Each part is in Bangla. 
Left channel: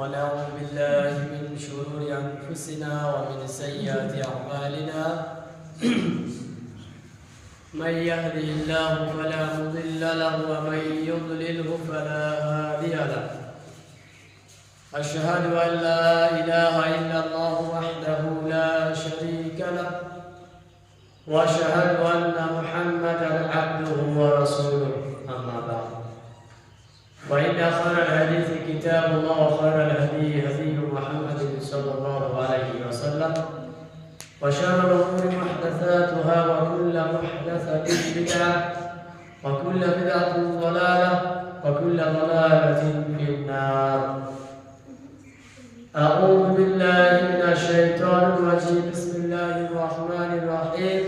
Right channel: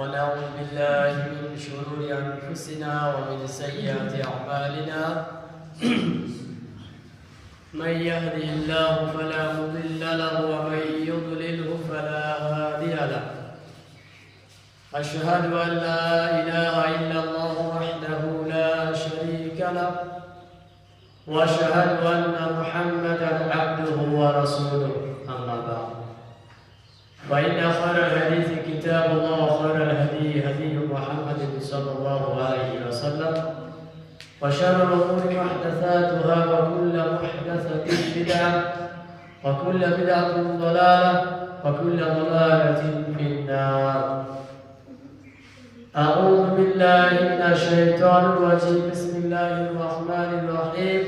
ونعوذ بالله من شرور أنفسنا ومن سيئات أعمالنا من يهده الله فلا مضل له ومن يضلله فلا هادي له أشهد أن لا إله إلا الله وحده لا شريك له وأشهد أن محمدا عبده ورسوله أما بعد وإن خير الحديث كتاب الله وخير الهدي هدي محمد صلى الله عليه وسلم وشر الأمور محدثاتها وكل محدثة بدعة وكل بدعة ضلالة وكل ضلالة في النار. أعوذ بالله من الشيطان الرجيم. بسم الله الرحمن الرحيم.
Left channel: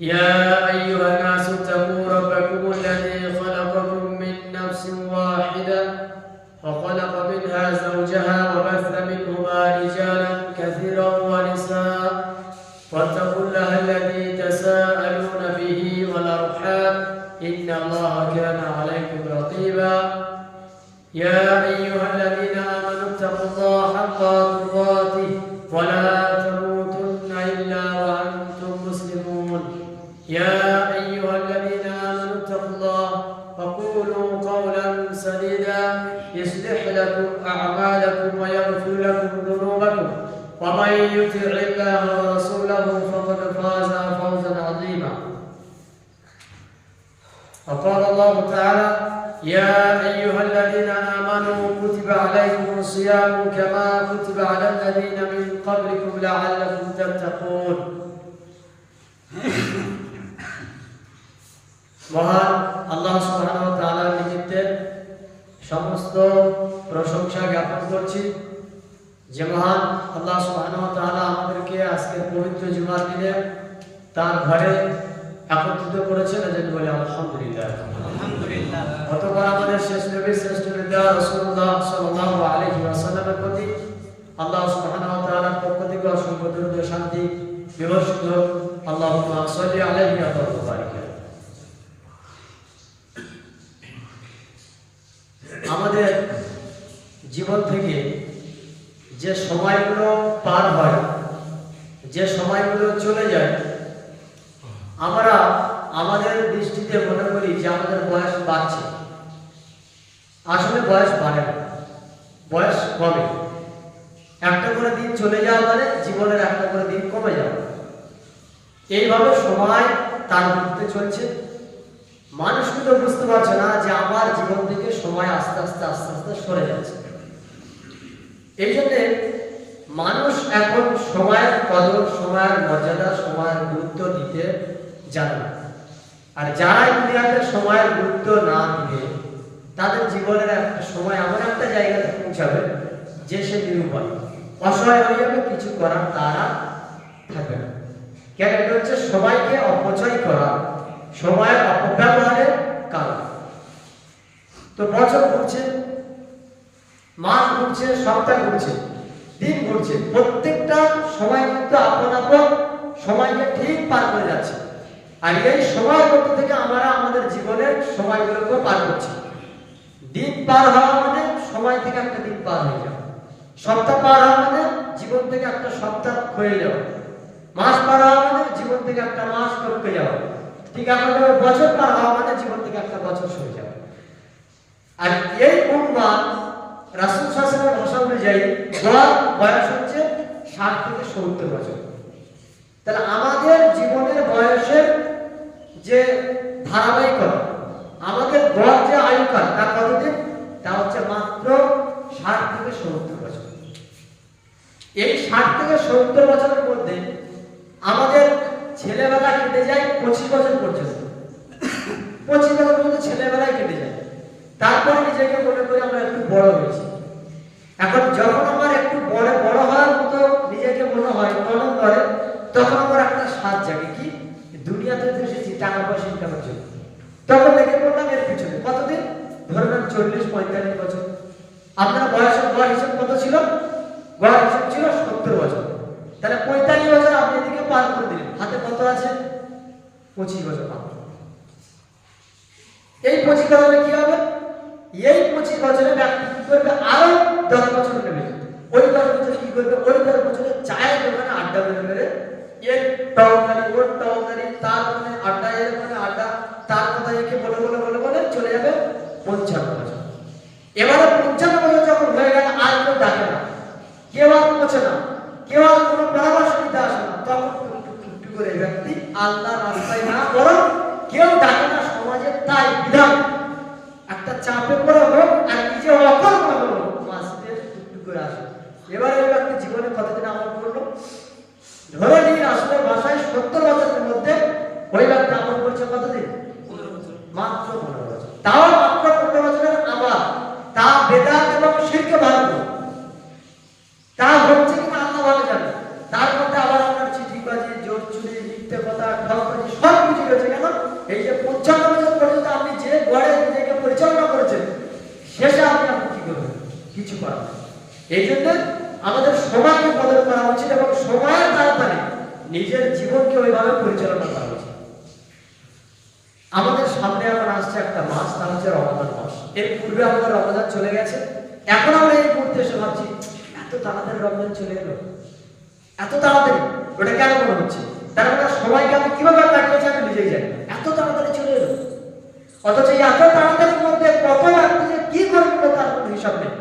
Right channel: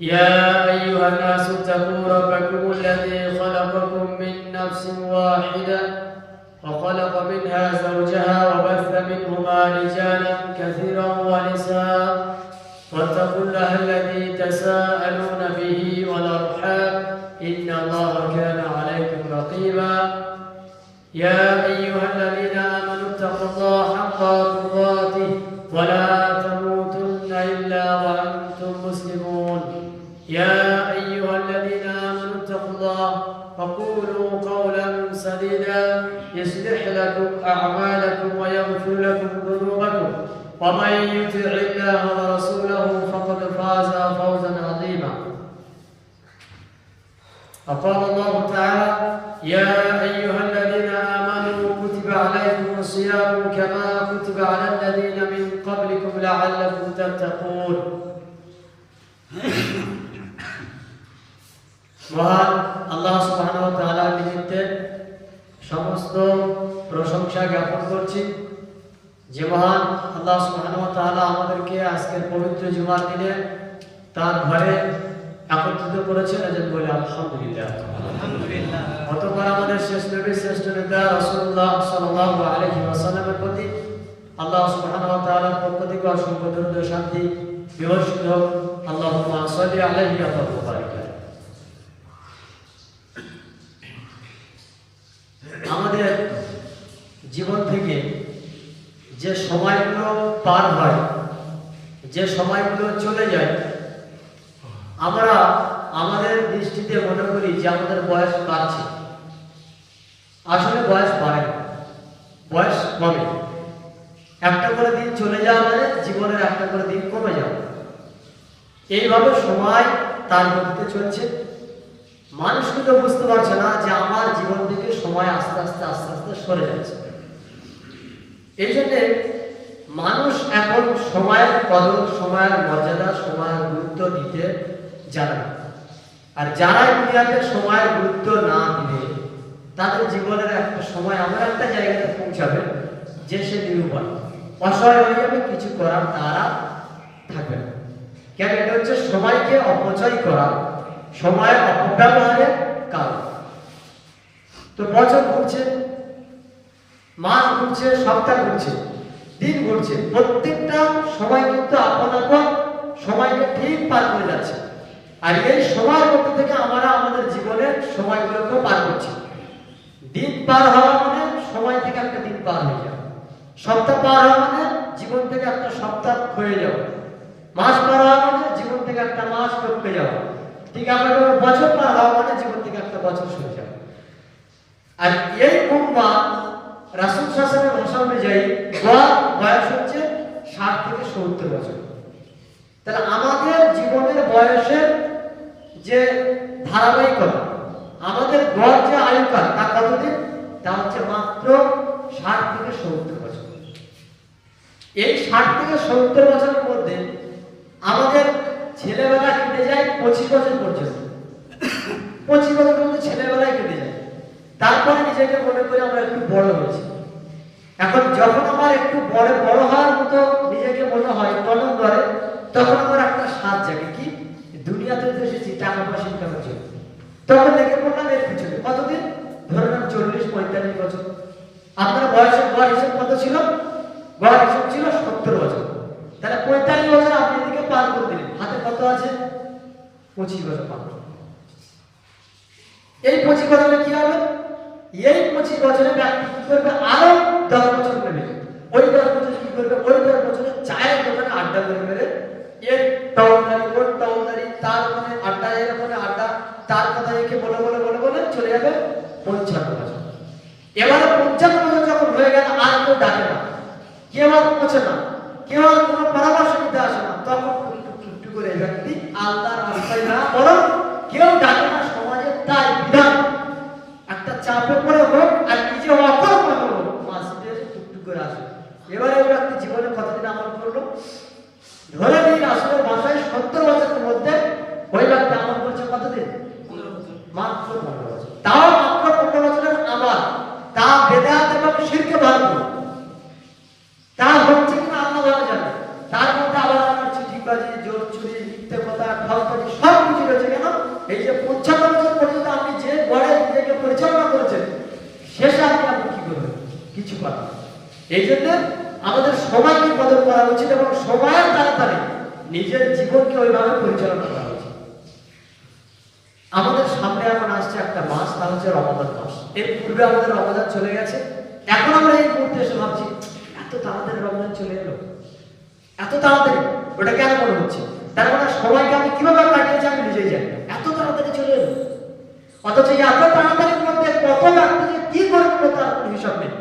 يا أيها الناس اتقوا ربكم الذي خلقكم من نفس واحدة وخلق منها زوجها وبث منهما رجالا كثيرا ونساء واتقوا الله الذي تساءلون به والأرحام إن الله كان عليكم رقيبا. يا أيها الذين آمنوا اتقوا الله حق تقاته ولا تموتن إلا وأنتم مسلمون. يا أيها الذين آمنوا اتقوا الله وقولوا قولا سديدا يصلح لكم أعمالكم ويغفر لكم ذنوبكم ومن يطع الله ورسوله فقد فاز فوزا عظيما. وقال الله تعالى: يا أيها الذين آمنوا كتب عليكم الصيام كما كتب على الذين من قبلكم لعلكم تتقون. মহান আল্লাহ সুবহানাহু ওয়া তাআলার নিমিত্তে সমস্ত প্রশংসা জ্ঞাপন করছি, যে মহান আল্লাহ সুবহানাহু ওয়া তাআলা আমাদেরকে আজকের পবিত্র জুমার দিনে তার ঘরে একত্রিত করেছেন। আজ বলে আলহামদুলিল্লাহ। আলহামদুলিল্লাহ। অতঃপর আমাদের শেষ নবী শ্রেষ্ঠ নবী রাসূলুল্লাহ সাল্লাল্লাহু আলাইহি ওয়াসাল্লামের প্রতি আল্লাহ সুবহানাহু ওয়া তাআলার পক্ষ থেকে অসংখ্য দরুদ ও শান্তি বর্ষিত হোক। আল্লাহুম্মা সাল্লি আলাইহি ওয়া বারিক। আমাদের জীবন থেকে যে সময়গুলো পার হয়, যে সময়গুলো চলে যায়, আমরা আমাদের দৃষ্টিতে মনে করি যে আমাদের বয়স বাড়ছে। আসলে বয়স বাড়ে না, বয়স কমে। একটা করে দিন চলে যাওয়া মানে জীবনের একটা করে দিন কমে যাওয়া। এইভাবে সময় তার মধ্যে চলছে। মানুষ কিন্তু বুঝতে পারছে না যে আমার জীবন থেকে সময় আস্তে আস্তে আস্তে আস্তে সরে যাচ্ছে। এই জন্যে মানুষ এখন সময়ের কদর, সময়ের মর্যাদা, সময়ের গুরুত্ব দিতে জানে না। আর যারা দুনিয়াতে সময়ের গুরুত্ব না দিবে, তাদের জীবনের একটা সময় এমন একটা জায়গাতে পৌঁছাবে যে সে নিরুপায়, অসহায় হয়ে যাবে, কিছু করার তারা থাকবে না। কেন? এটা হচ্ছে সময়কে অপচয় করা, সময়ের অপব্যবহারের কারণ। তো বছর ঘুরছে, মাস ঘুরছে, সপ্তাহ ঘুরছে, দিন ঘুরছে, প্রত্যেকটা সময় কিন্তু আপন আপন সময়কে ঠিক পার করে যাচ্ছে। আর এই সময়ের মধ্যে থেকে আমরা আমাদের জীবনের সময়গুলোকে পার করছি। দিন পার হওয়া মানে সময় থেকে একটা দিন পার হয়ে যাওয়া, সপ্তাহ পার হওয়া মানে জীবন থেকে একটা সপ্তাহ হয়ে যাওয়া, মাস পার হওয়া মানে জীবন থেকে একটা মাস টপকে যাওয়া, ঠিক আমাদের বছর পার হওয়া মানে জীবন থেকে একটা বছর সরে যাওয়া। আর এই উম্মাহ রাসূল সাল্লাল্লাহু আলাইহি ওয়াসাল্লামের ভাষা অনুযায়ী গড় বয়স হচ্ছে 60 থেকে 70 বছর। তাহলে আমাদের জীবনের বয়সের যে ধারাবাহিকতা, আমাদের গড় যে আয়ুকাল, তা কতদিন? তা হচ্ছে মাত্র 60 থেকে 70 বছর। এই 60 থেকে 70 বছরের মধ্যে আমাদের ছেলেবেলা কেটে যায় 25 বছর পর্যন্ত। 25 বছর পর্যন্ত ছেলেবেলায় কেটে যায়। তারপরে নিজেকে মনে করি আমরা একটু বড় হয়েছি। এখন যখন আমার একটু বড় হওয়ার মতো নিজেকে মনে হয়, তখন ধরে, তখন আমার একটা স্বাদ জাগে, কি দুনিয়াতে এসেছি টাকা পয়সা ইনকামের জন্য। তখন লেগে পড়লাম এর পিছনে। কতদিন? ধরুন 40-45 বছর। আপনার গড় হিসেব কত ছিল? গড় হিসেব ছিল 70 বছর। তাহলে 45 বছর আপনি এদিকে পার করে দিলেন। হাতে কত আছে? 25 বছর মাত্র। এই 25 বছরে কি হবে? এই 25 বছরে ব্যক্তি কিন্তু করবে আরো 10 বছর নেবে, ওই 10 বছর কি করবে, ওই 10 বছরে চায়ের দোকানে আড্ডা মেরে মেরে এর টাউনারি ওর টাউনারি তার মানে আড্ডা এর মানে আড্ডা তার কথা একে বলে বলে বলে বলে চলে যাবে 55 বছর। এবারে 55 বছর যখন হয়ে গেল আর কেউ ডাকে না, কেউ আর পৌঁছে না, কেউ আর কোনো পরামর্শ দিতে আসে না, তখন একটু করে এই ব্যক্তি আল্লাহর রাস্তায় না বরং কেউ ডাকে না সমাজের তাই বিধান একটা চাপে পড়ে হোক আর নিজে অকর্ম হলো মাসিদের টুকটু করে আসে। এবারে ওই ব্যক্তি জীবনে কতদিন আমল করলো, ধরে নিন আসলে ভাষায় 70 বছরের মধ্যে ওই ব্যক্তি আমল করছে কতদিন, মাত্র 15 বছর। তাও মাত্র 15 বছরের আমল, তা বেদাত এবং শিরকে ভাঙলো, তা হচ্ছে কিনা আল্লাহ ভালো জানে। তার মধ্যে আবার আপনার চিঠিবাজি জোর চুরি মিথ্যে কথা ঠকবাজি সব কিছু রয়েছে। কেন এই যে 55 বছর পর্যন্ত আপনি যে গড়ে নিজেকে পরিচালনা করেছেন শেষে আপনি কি করবেন, কিছু পারবেন। এই জন্য আমাদের সময়কে বদল করা উচিত এবং সময়ের তাড়াতাড়ি নিজের জীবনকে ওইভাবে পরিচালনা করা উচিত। আমাদের সামনে এখন আসছে একটা মাস, তা হচ্ছে রমাদান মাস। এর পূর্বে আমাদের রমাদান চলে গেছে, এখন আমরা এই মুহূর্তে এসে ভাবছি এত তাড়াতাড়ি রমজান চলে এলো, এত তাড়াতাড়ি, ওটা কেন মনে হচ্ছে? তার মানে সময়কে আমি কিভাবে কাটিয়েছি আমি নিজেই জানি না, এত তাড়াতাড়ি চলে এলো। অথচ এত তাড়াতাড়ির মধ্যে কত ব্যক্তি কি করে নিল তার কোনো হিসাব নেই।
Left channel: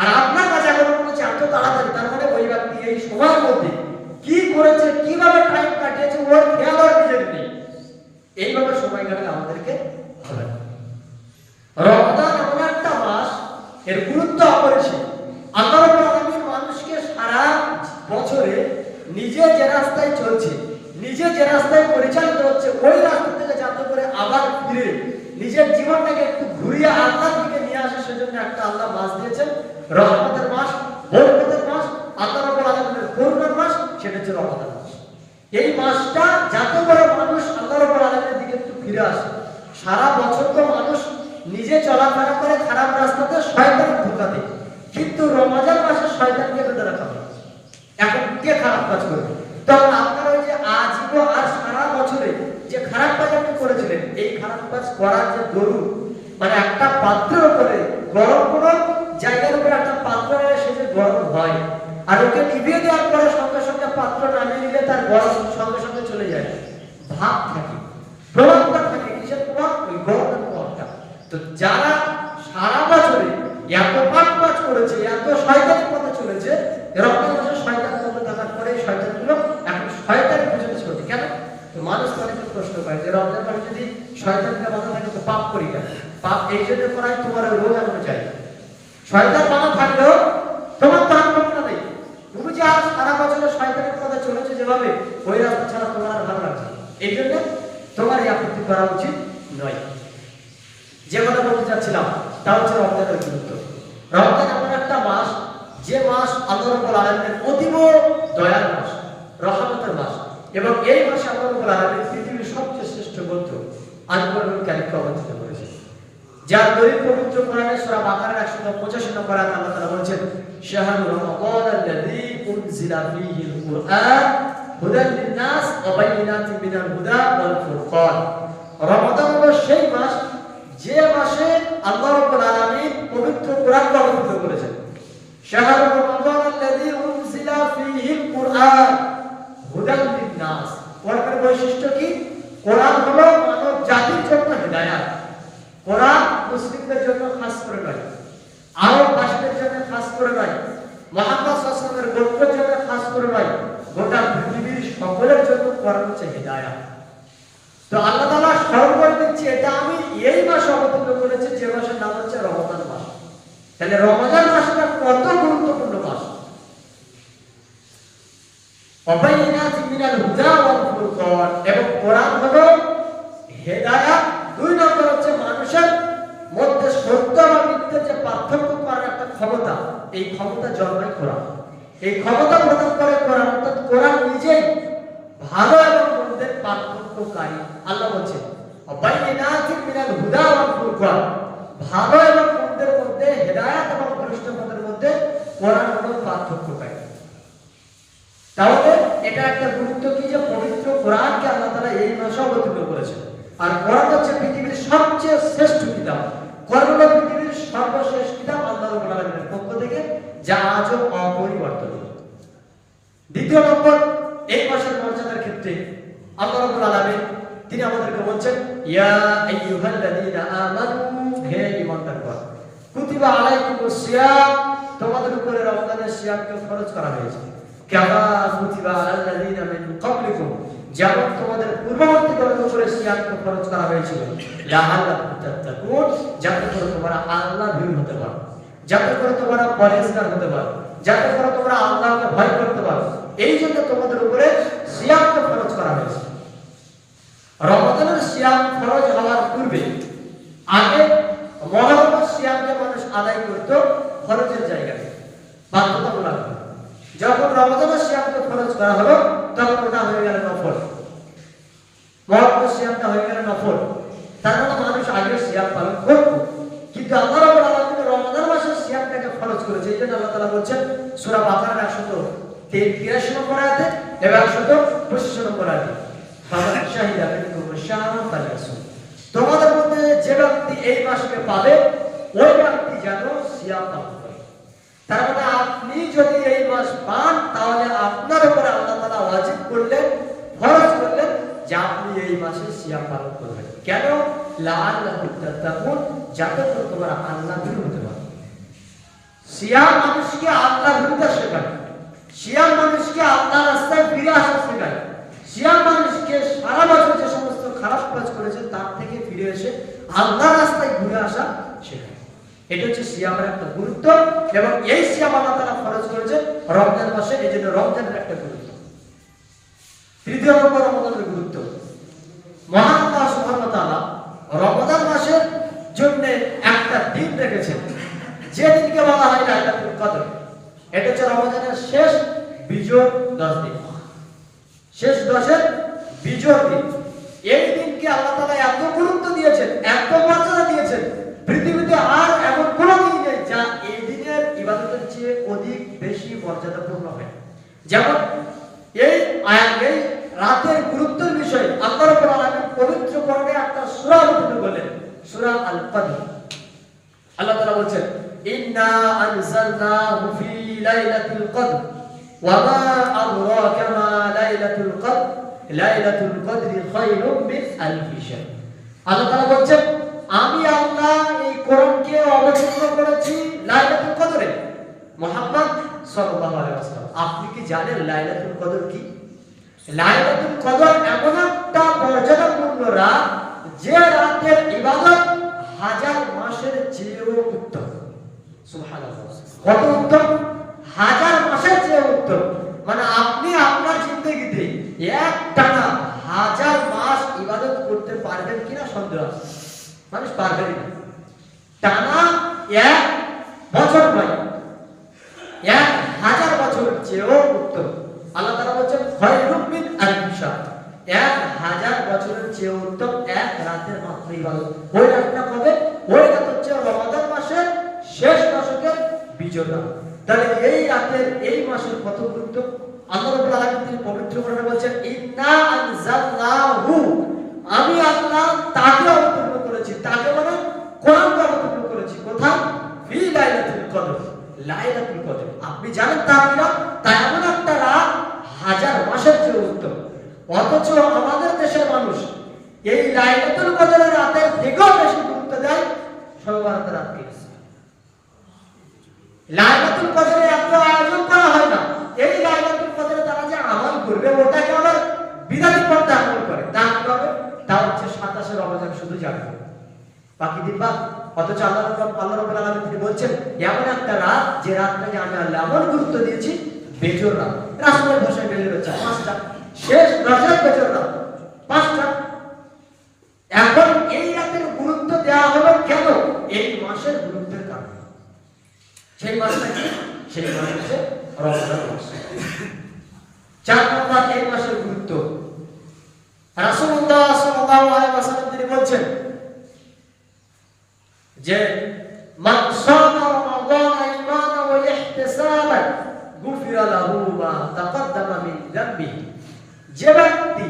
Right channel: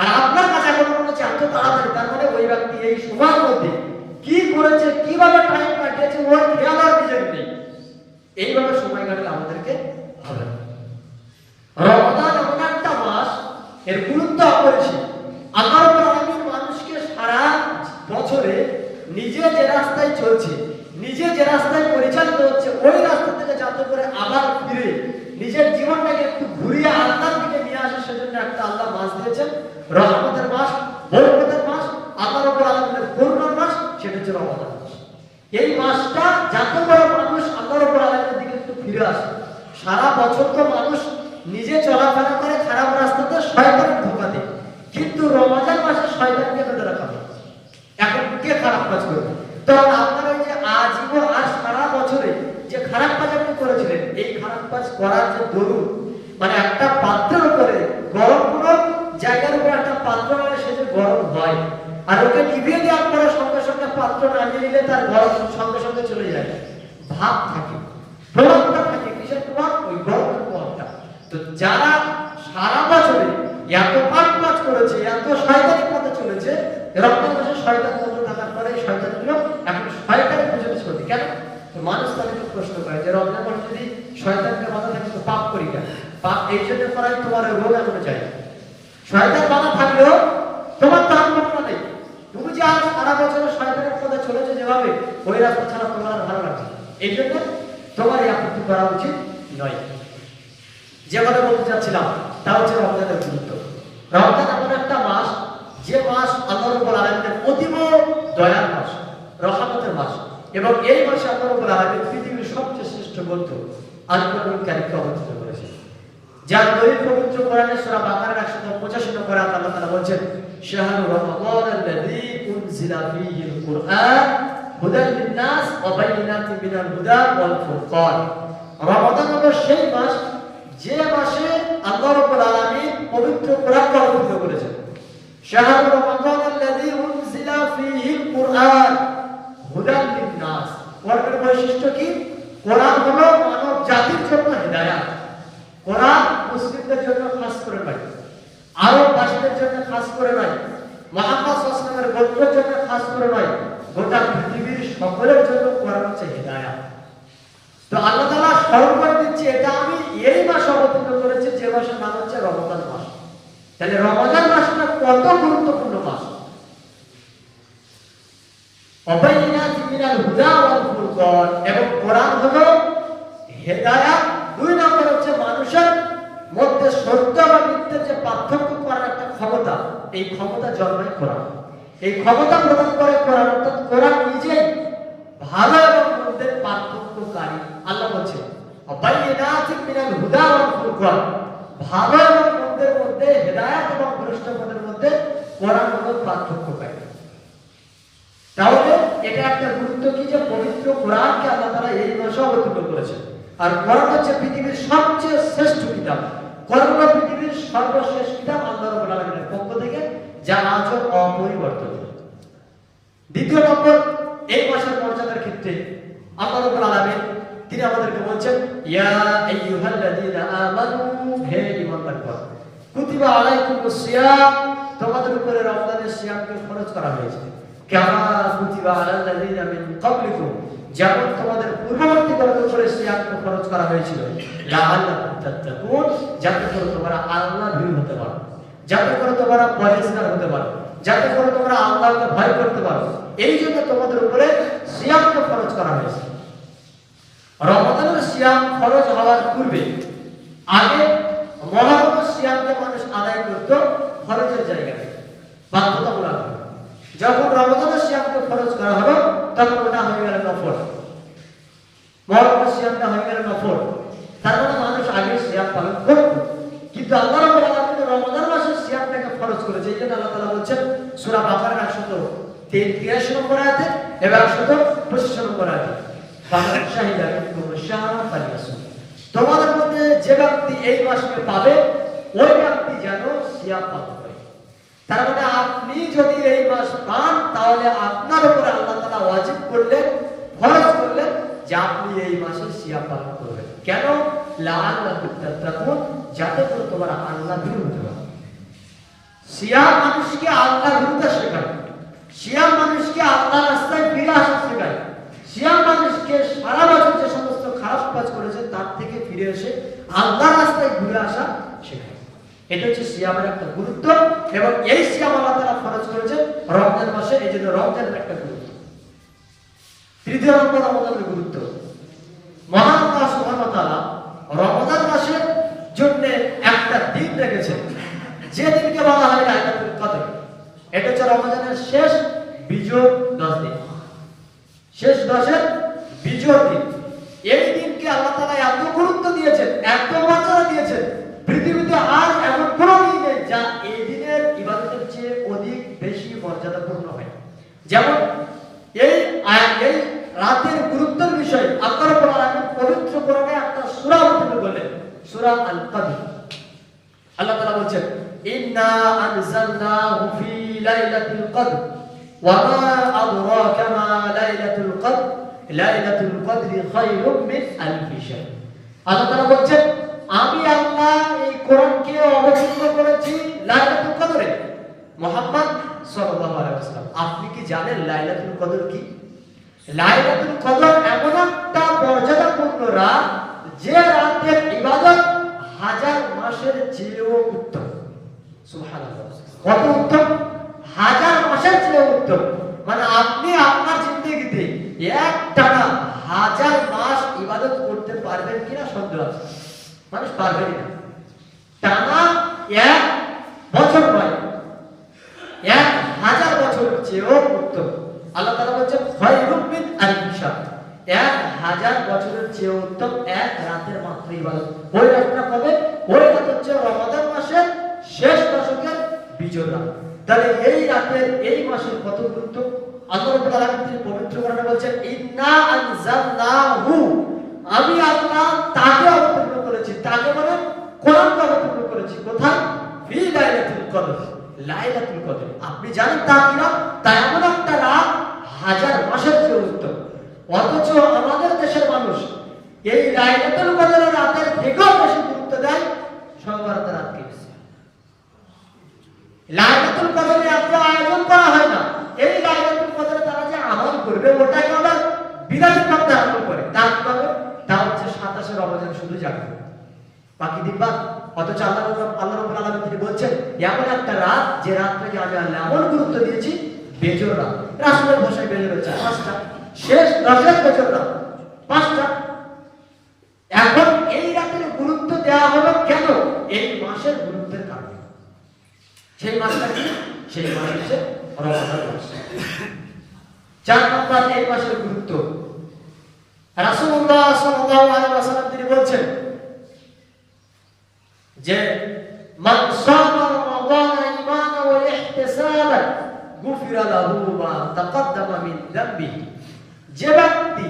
আর আপনার কাছে এখন মনে হচ্ছে এত তাড়াতাড়ি, তার মানে ওই ব্যক্তি এই সময়ের মধ্যে কি করেছে, কিভাবে টাইম কাটিয়েছে ওর খেয়াল আর নিজের নেই। এইভাবে সময় কাটালে আমাদেরকে হবে না। রমাদান এমন একটা মাস, এর গুরুত্ব অপরিসীম। আল্লাহ রাব্বুল আলামিন মানুষকে সারা বছরে নিজে যে রাস্তায় চলছে, নিজে যে রাস্তায় পরিচালিত হচ্ছে, ওই রাস্তা থেকে যাতে করে আবার ফিরে নিজের জীবনটাকে একটু ঘুরিয়ে আল্লাহর দিকে নিয়ে আসে, সেজন্য একটা আল্লাহ মাস দিয়েছেন, রহমতের মাস, বরকতের মাস, আল্লাহ রাব্বুল আলামিনের করুণার মাস, সেটা হচ্ছে রমাদান মাস। এই মাসটা যাতে করে মানুষ আল্লাহ রাব্বুল আলামিনের দিকে একটু ফিরে আসে। সারা বছর তো মানুষ নিজে চলাফেরা করে খারাপ রাস্তাতে, শয়তানের ধোঁকা দেয়, কিন্তু রমজান মাসে শয়তানকে ধরে রাখা হয়। এখন কে খারাপ কাজ করবে? তখন আপনার ওই যে আজীবন আর সারা বছরে যে খারাপ কাজ আপনি করেছিলেন, এই খারাপ কাজ করার যে দরুন, মানে একটা পাত্রের উপরে গরম কোনো জায়গার উপরে একটা পাত্র রাখলে সে যে গরম হয়, আর ওকে নিভিয়ে দেওয়ার পরে সঙ্গে সঙ্গে পাত্র নামিয়ে নিলে তার গরম সঙ্গে সঙ্গে চলে যায়, ভাব থাকে, প্রভাবটা থাকে। কিসের প্রভাব? ওই গরমের প্রভাবটা। তো যারা সারা বছরে এত পাপ কাজ করেছে, এত শয়তানি পথে চলেছে, রমজান মাসে শয়তান পথে থাকার পরে এই শয়তানগুলো এখন শয়তানের পিছনে ছুটে। কেন? তো মানুষ তাদেরকে প্রশ্ন করে যে রমজান মাসে যদি শয়তানকে বাধা থাকে তো পাপ করি কেন? পাপ এই জন্য করাই তোমার রোগ এখনো যায়। শয়তান বাধা থাকলেও তোমার তো হাত নেই, তুমি যে আর সারা বছরে শয়তানের পথে চলেছে যেভাবে, ওই রাস্তা ছাড়া তোমার আর ভালো লাগছে। এই জন্য তোমার এই আপত্তি করা উচিত নয়। যে কথা বলতে চাচ্ছিলাম তা হচ্ছে রমজানের গুরুত্ব। রমজান এমন একটা মাস, যে মাস আল্লাহ রাব্বুল আলামিনের অতীব দয়ার মাস, রহমতের মাস, এবং এই মাসে আল্লাহ রাব্বুল আলামিন পৃথিবীর সবচেয়ে শ্রেষ্ঠ গ্রন্থ আল কোরআনুল কারীমকে অবতীর্ণ করেছেন। যার দলিল পবিত্র কোরআনের সূরা বাকারার 185 নম্বর আয়াতে আল্লাহ তাআলা বলেন, শাহরু রমাদানাল্লাযী উনজিলা ফীহিল কুরআন হুদাল লিন-নাস ওয়া বাইয়িনাতিন মিনাল হুদা ওয়াল ফুরকান। রমাদান হলো সেই মাস যে মাসে আল্লাহ রাব্বুল আলামিন পবিত্র কোরআনকে অবতীর্ণ করেছেন। শাহরু রমাদানাল্লাযী উনজিলা ফীহিল কুরআন হুদাল লিন-নাস। কোরআনের বৈশিষ্ট্য কি? কোরআন হলো মানব জাতির জন্য হিদায়াত। কোরআন মুসলিমদের জন্য খাস করে নয়, আরববাসীদের জন্য খাস করে নয়, মুহাম্মদ সাল্লাল্লাহু আলাইহি ওয়াসাল্লামের গোত্রের জন্য খাস করে নয়, গোটা পৃথিবীর সকলের জন্য কোরআন হচ্ছে হিদায়াত। তো আল্লাহ তাআলা স্মরণ করে দিচ্ছে, এটা আমি এই মাসে অবতীর্ণ করেছি, যে মাসের নাম হচ্ছে রমাদান মাস। তাহলে রমাদান মাসটা কত গুরুত্বপূর্ণ মাস। অবাইনাতিন মিনাল হুদা ওয়াল ফুরকান, এবং কোরআন হলো হেদায়াত। দুই নম্বর হচ্ছে মানুষের মধ্যে সত্য এবং মিথ্যার যে পার্থক্য করার একটা ক্ষমতা, এই ক্ষমতা জন্মায় কোরআন। এই ক্ষমতা প্রদান করে কোরআন, অর্থাৎ কোরআন নিজেই ভালো এবং মন্দের পার্থক্যকারী। আল্লাহ বলছেন অবাইনাতিন মিনাল হুদা ওয়াল ফুরকান, ভালো এবং মন্দের মধ্যে, হেদায়াত এবং ভ্রষ্ট পথের মধ্যে কোরআন হলো পার্থক্যকারী। তাহলে এটা একটা গুরুত্ব কি, যে পবিত্র কোরআনকে আল্লাহ তাআলা এই মাসে অবতীর্ণ করেছেন। আর কোরআন হচ্ছে পৃথিবীর সবচেয়ে শ্রেষ্ঠ কিতাব। কোরআন হলো পৃথিবীর সর্বশেষ কিতাব আল্লাহ রাব্বুল আলামিন পক্ষ থেকে, যা আজও অপরিবর্তনীয়। দ্বিতীয় নম্বর, এই মাসের মর্যাদার ক্ষেত্রে আল্লাহ রাব্বুল আলামিন তিনি আমাদেরকে বলছেন, ইয়া আইয়ুহাল্লাযীনা আমানু, হে ঈমানদারগণ, কুতিবা আলাইকুমুস সিয়াম, তোমাদের উপরে রমজানের সিয়ামকে ফরজ করা হয়েছে। কামা কুতিবা আলাল্লাযীনা মিন ক্বাবলিকুম, যেমন তোমাদের পূর্ববর্তীদের উপরে সিয়ামকে ফরজ করা হয়েছিল, লাআল্লাকুম তাত্তাকুন, যাতে করে তোমরা আল্লাহর ভীরু হতে পারো, যাতে করে তোমরা পরহেজগার হতে পারো, যাতে করে তোমরা আল্লাহকে ভয় করতে পারো। এই জন্য তোমাদের উপরে সিয়ামকে ফরজ করা হয়েছে। রমজানের সিয়াম ফরজ হওয়ার পূর্বে আগে মুহররমের সিয়ামকে মানুষ আদায় করত ফরজের জায়গাতে, বাধ্যতামূলক। যখন রমজানের সিয়ামকে ফরজ করা হলো তখন ওটা হয়ে গেল নফল। মুহররমের সিয়ামটা হয়ে গেল নফল, তার মানে মানুষ আগে সিয়াম পালন করত। কিন্তু আল্লাহ রাব্বুল আলামিন রমজান মাসের সিয়ামটাকে ফরজ করেছে। এই জন্য আল্লাহ তাআলা বলছেন সূরা বাকারার 183 নম্বর আয়াতে এবং 125 নম্বর আয়াতে, ফামান শাহিদা মিনকুম শাহরা ফালইয়াসুম, তোমাদের মধ্যে যে ব্যক্তি এই মাসকে পাবে ওই ব্যক্তি যেন সিয়াম পালন করে। তার মানে আপনি যদি এই মাস পান তাহলে আপনার উপরে আল্লাহ তাআলা ওয়াজিব করলেন, ফরজ করলেন যে আপনি এই মাসে সিয়াম পালন করবেন। কেন? লাআল্লাকুম তাত্তাকুন, যাতে করে তোমরা আল্লাহর ভীরু হতে পারো। সিয়াম মানুষকে আল্লাহর ভীরুতা শেখায়, সিয়াম মানুষকে আল্লাহর রাস্তায় ফিরে আসা শেখায়, সিয়াম মানুষকে সারা বছর যে সমস্ত খারাপ কাজ করেছে তার থেকে ফিরে এসে আল্লাহর রাস্তায় ঘুরে আসা শেখায়। এটা হচ্ছে সিয়ামের একটা গুরুত্ব, এবং এই সিয়াম আল্লাহ তাআলা ফরজ করেছে রমজান মাসে। এই জন্য রমজানের একটা গুরুত্ব। তৃতীয় নম্বর, রমজানের গুরুত্ব। মহান আল্লাহ সুবহানাহু ওয়া তাআলা রমজান মাসের জন্য একটা দিন রেখেছেন, যে দিনকে বলা হয় লাইলাতুল কদর। এটা হচ্ছে রমজানের শেষ বিজোড় 10 দিন, শেষ 10-এর বিজোড় দিন। এই দিনকে আল্লাহ তাআলা এত গুরুত্ব দিয়েছেন, এত মর্যাদা দিয়েছেন, পৃথিবীতে আর এমন কোনো দিন নেই যা এই দিনের ইবাদতের চেয়ে অধিক বেশি মর্যাদাপূর্ণ হয়। যেমন এই রাতের গুরুত্বের বিষয়ে আল্লাহ রাব্বুল আলামিন পবিত্র কোরআনে একটা সূরা অবতীর্ণ করলেন, সূরা আল কদর। আল্লাহ তাআলা বলেন, ইন্না আনজালনাহু ফি লাইলাতুল কদর ওয়া মা আদরাকা মা লাইলাতুল কদর লাইলাতুল কদরি খায়রুম মিন আলফি শাহর। আল্লাহ তাআলা বলেন, আমি আল্লাহ এই কোরআনকে অবতীর্ণ করেছি লাইলাতুল কদরে। মুহাম্মদ সাল্লাল্লাহু আলাইহি ওয়াসাল্লাম, আপনি কি জানেন লাইলাতুল কদর কি? লাইলাতুল কদর এমন একটা মর্যাদাপূর্ণ রাত, যে রাতের ইবাদত 1000 মাসের চেয়েও উত্তম। সুবহানাল্লাহ, কত উত্তম! 1000 মাসের চেয়েও উত্তম। মানে আপনি আপনার জিন্দেগিতে একটানা 1000 মাস ইবাদত করতে পারবেন কিনা সন্দেহ আছে। মানুষ পারবে না। টানা 1 বছর নয়, 1000 বছরের চেয়েও উত্তম। আল্লাহ তাআলা বলেন, খায়রুম মিন আলফি শাহর, 1000 বছরের চেয়ে উত্তম এক রাতের মাত্র ইবাদত। ওই রাতটা কবে? ওই রাত হচ্ছে রমজান মাসের শেষ দশকের বিজয় রাত। তাহলে এই রাতের, এই মাসের কত গুরুত্ব! আল্লাহ রাব্বুল আলামিন তিনি পবিত্র কোরআনে বলেন, ইন্না আনজালনাহু, আমি আল্লাহ তাকে অবতীর্ণ করেছি। তাকে মানে কোরআনকে অবতীর্ণ করেছি। কোথায়? ফি লাইলাতুল কদর, লাইলাতুল কদর। আপনি জানেন তা কিনা? তা এমন একটা রাত 1000 মাসের চেয়ে উত্তম। অথচ আমাদের দেশের মানুষ এই লাইলাতুল কদরের রাতের থেকেও বেশি গুরুত্ব দেয় শবে রাতকে। লাইলাতুল কদরে এত আয়োজন করা হয় না। এই লাইলাতুল কদরে তারা যে আমল করবে ওটাকে আবার বিরাটের মধ্যে আমল করে। তা কিভাবে? তা হচ্ছে 27 রমজান শুধু জাগবে, বাকি দিন বাদ। অথচ আল্লাহ রাব্বুল আলামিন তিনি বলছেন, এমন একটা রাত যে রাতটাকে আমি আল্লাহ এমন গুরুত্ব দিয়েছি, বেজোড় রাত। রাসূলের ভাষায় বেজোড় হচ্ছে 5টা, শেষ 10-এর বেজোড় রাত 5টা। এখন এই রাতের গুরুত্ব দেওয়া হলো কেন? এই মাসের গুরুত্বের কারণে। সেই মাসটা কি? সেই মাস হচ্ছে রমজান মাস। 4 নম্বর, এই মাসের গুরুত্ব। রাসূলুল্লাহ সাল্লাল্লাহু আলাইহি ওয়াসাল্লাম তিনি বলেন যে, মান সামা রমাদান ঈমানান ওয়া ইহতিসাবান গুফিরা লাহু মা তাকদ্দামা মিন যামবিহি। যে ব্যক্তি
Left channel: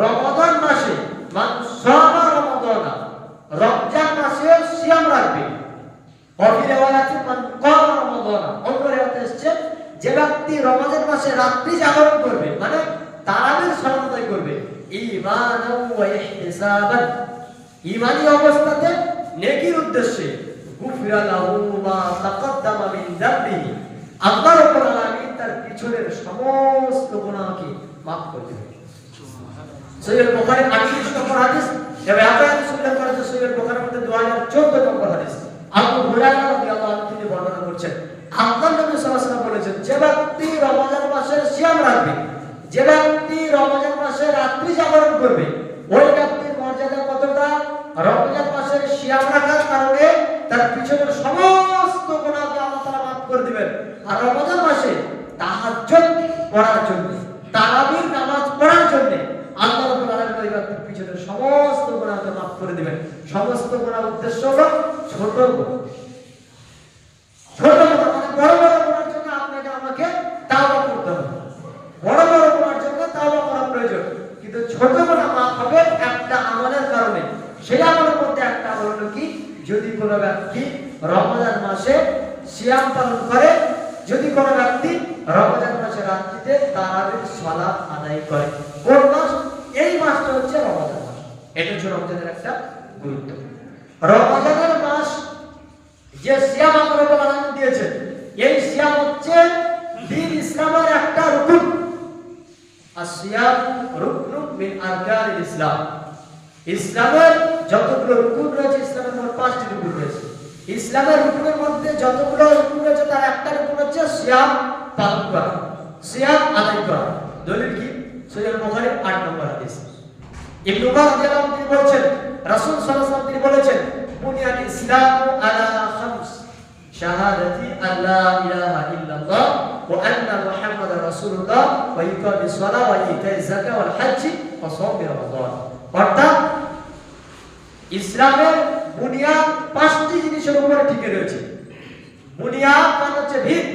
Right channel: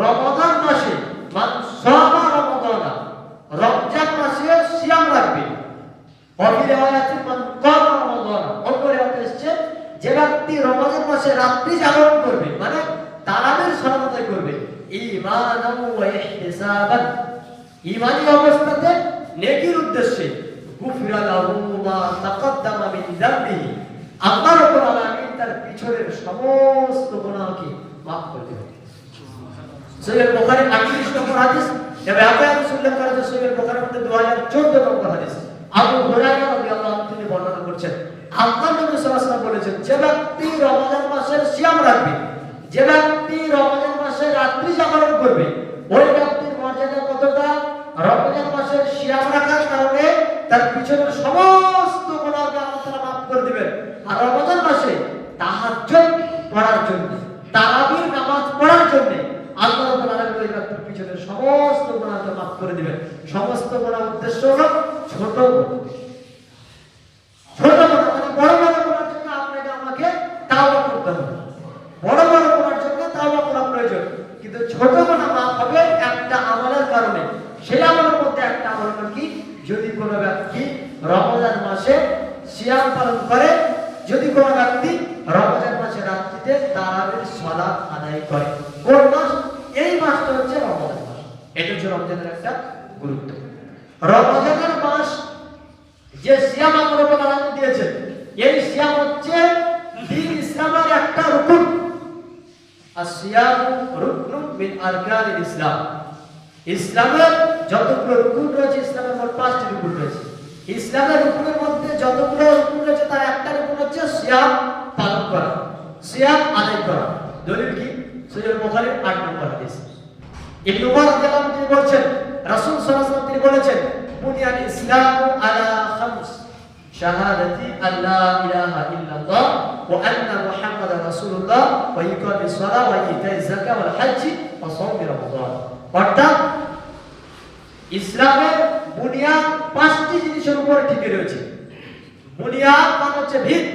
রমাদান মাসে, মান সামা রমাদান, রমজান মাসে সিয়াম রাখবে, ওয়া ফি রিওয়ায়াতিন মান ক্বামা রমাদান, অন্য রিওয়ায়াতে এসেছে যে ব্যক্তি রমজান মাসে রাত্রি জাগরণ করবে, মানে তারাবির সালাত আদায় করবে, ঈমানান ওয়া ইহতিসাবান, ঈমানি অবস্থাতে নেকির উদ্দেশ্যে, গুফিরা লাহু মা তাকদ্দামা মিন যামবিহি, আল্লাহ রাব্বুল আলামিন তার পিছনের সমস্ত গুনাহকে maaf করে দিবেন। সহিহ বুখারী 38 নম্বর হাদিস, এবং আবার উল্লেখ করা হয়েছে সহিহ বুখারীর মধ্যে 2014 নম্বর হাদিস, আবু হুরায়রা রাদিয়াল্লাহু আনহু তিনি বর্ণনা করছেন, আল্লাহ নবী সাল্লাল্লাহু আলাইহি ওয়াসাল্লাম বলেছেন, যে ব্যক্তি রমজান মাসের সিয়াম রাখবে, যে ব্যক্তি রমজান মাসে রাত্রি জাগরণ করবে, ওই ব্যক্তির মর্যাদা কতটা? রমজান মাসের সিয়াম রাখার কারণে তার পিছনের সমস্ত গুনাহকে আল্লাহ তাআলা maaf করে দিবেন। আর রমজান মাসে তাহাজ্জুদ পড়ার জন্য, তারাবির নামাজ পড়ার জন্য আল্লাহ রাব্বুল আলামিন ওই ব্যক্তির পিছনের সমস্ত গুনাহকে maaf করে দিবেন। সমস্ত গুনাহর উদ্দেশ্য হলো ছোট ছোট মানে বড় বড় গুনাহের জন্য আপনাকে আমাকে তাওবা করতে হবে, বড় বড় গুনাহের জন্য তাওবা করা প্রয়োজন, কিন্তু ছোট গুনাহ maaf হবে একটা আমলের কারণে। সেই আমলের মধ্যে একটা আমল হলো কি, যদি কোনো ব্যক্তি রমজান মাসে সিয়াম পালন করে, যদি কোনো ব্যক্তি রমজান মাসে রাত্রিতে তারাবির সালাত আদায় করে। কোন মাস? এই মাসটা হচ্ছে রমজান মাস, এটা হচ্ছে রমজানের একটা গুরুত্ব। রমজানের মাস যে সিয়াম আল্লাহ রাব্বুল আলামিন দিয়েছেন, এই সিয়াম হচ্ছে দ্বীন ইসলামের একটা রুকন। আসিয়ামু রুকনুন মিন আরকানিল ইসলাম, ইসলামের যতগুলো রুকুন রয়েছে, ইসলামের মোট 5টি রুকুন রয়েছে। ইসলামের রুকুনের মধ্যে যতগুলো রুকুন রয়েছে তার একটা রুকুন হচ্ছে সিয়াম পালন করা, সিয়াম আদায় করা। দলিল কি? সহিহ বুখারীর 8 নম্বর হাদিস। ইবনে উমর রাদিয়াল্লাহু আনহু তিনি বলেছেন, রাসূল সাল্লাল্লাহু আলাইহি ওয়াসাল্লাম তিনি বলেছেন, বুনিয়াল ইসলামু আলা খামস, শাহাদাতি আল্লা ইলাহা ইল্লাল্লাহ ওয়া আন্না মুহাম্মাদার রাসূলুল্লাহ ওয়া ইকামিস সালাহ ওয়া ইতাইজ যাকাত ওয়াল হজ্জ ওয়া সাওম রমাদান। অর্থাৎ ইসলামের বুনিয়াদ 5টি জিনিসের উপরে টিকে রয়েছে। বুনিয়াদ মানে হচ্ছে ভিত,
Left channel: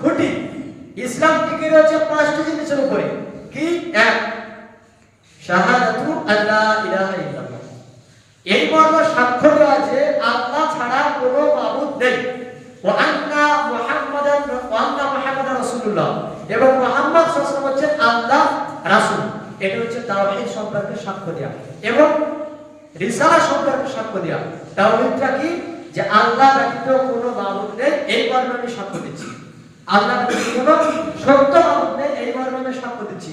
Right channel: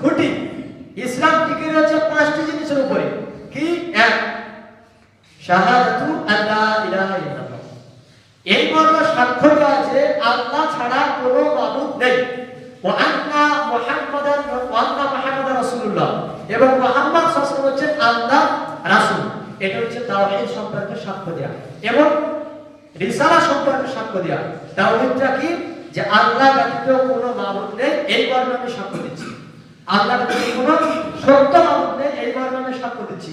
খুঁটি। ইসলাম টিকে রয়েছে 5টি জিনিসের উপরে। কি? 1, শাহাদাতু আল্লা ইলাহা ইল্লাল্লাহ, এই মর্মে সাক্ষ্য দেওয়া যে আল্লাহ ছাড়া কোনো মাবুদ নেই, ওয়া আন্না মুহাম্মাদান রাসূলুল্লাহ, এবং মুহাম্মদ সাল্লাল্লাহু আলাইহি ওয়াসাল্লাম হচ্ছেন আল্লাহ রাসূল। এটা হচ্ছে তাওহীদ সম্পর্কে সাক্ষ্য দেওয়া এবং রিসালা সম্পর্কে সাক্ষ্য দেওয়া। তাওহীদটা কি? যে আল্লাহ ব্যতীত কোনো মাবুদ নেই, এই মর্মে আমি সাক্ষ্য দিচ্ছি। আল্লাহ ব্যতীত কোনো সত্য মাবুদ নেই, এই মর্মে আমি সাক্ষ্য দিচ্ছি।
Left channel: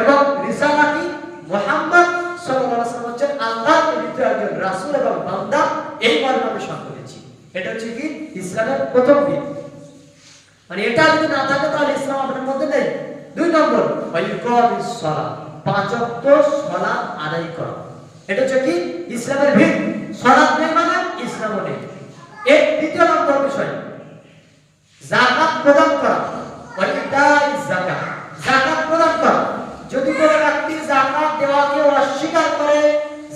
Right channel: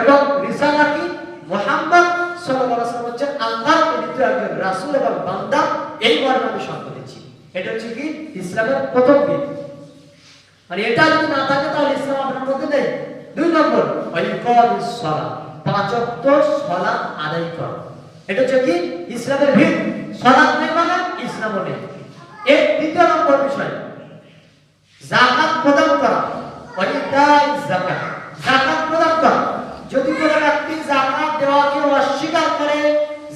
এবং রিসালা কি? মুহাম্মদ সাল্লাল্লাহু আলাইহি ওয়াসাল্লাম হচ্ছেন আল্লাহর প্রেরিত একজন রাসূল এবং বান্দা, এই মর্মে আমি সাক্ষ্য দিচ্ছি। এটা হচ্ছে কি? ইসলামের প্রথম দিক। মানে এটা যদি না থাকে তাহলে ইসলাম আপনার মধ্যে নেই। 2 নম্বর, ইকামিস সালাহ, 5 ওয়াক্ত সালাত আদায় করা। এটা হচ্ছে কি? ইসলামের ভিত। সালাত নেই মানে ইসলামও নেই। এর 2 নম্বর বিষয়, যাকাত প্রদান করা, ওয়াইতাইজ যাকাত, যাকাত প্রদান করা। যদি কোনো ব্যক্তি যাকাত দেওয়াকে অস্বীকার করে,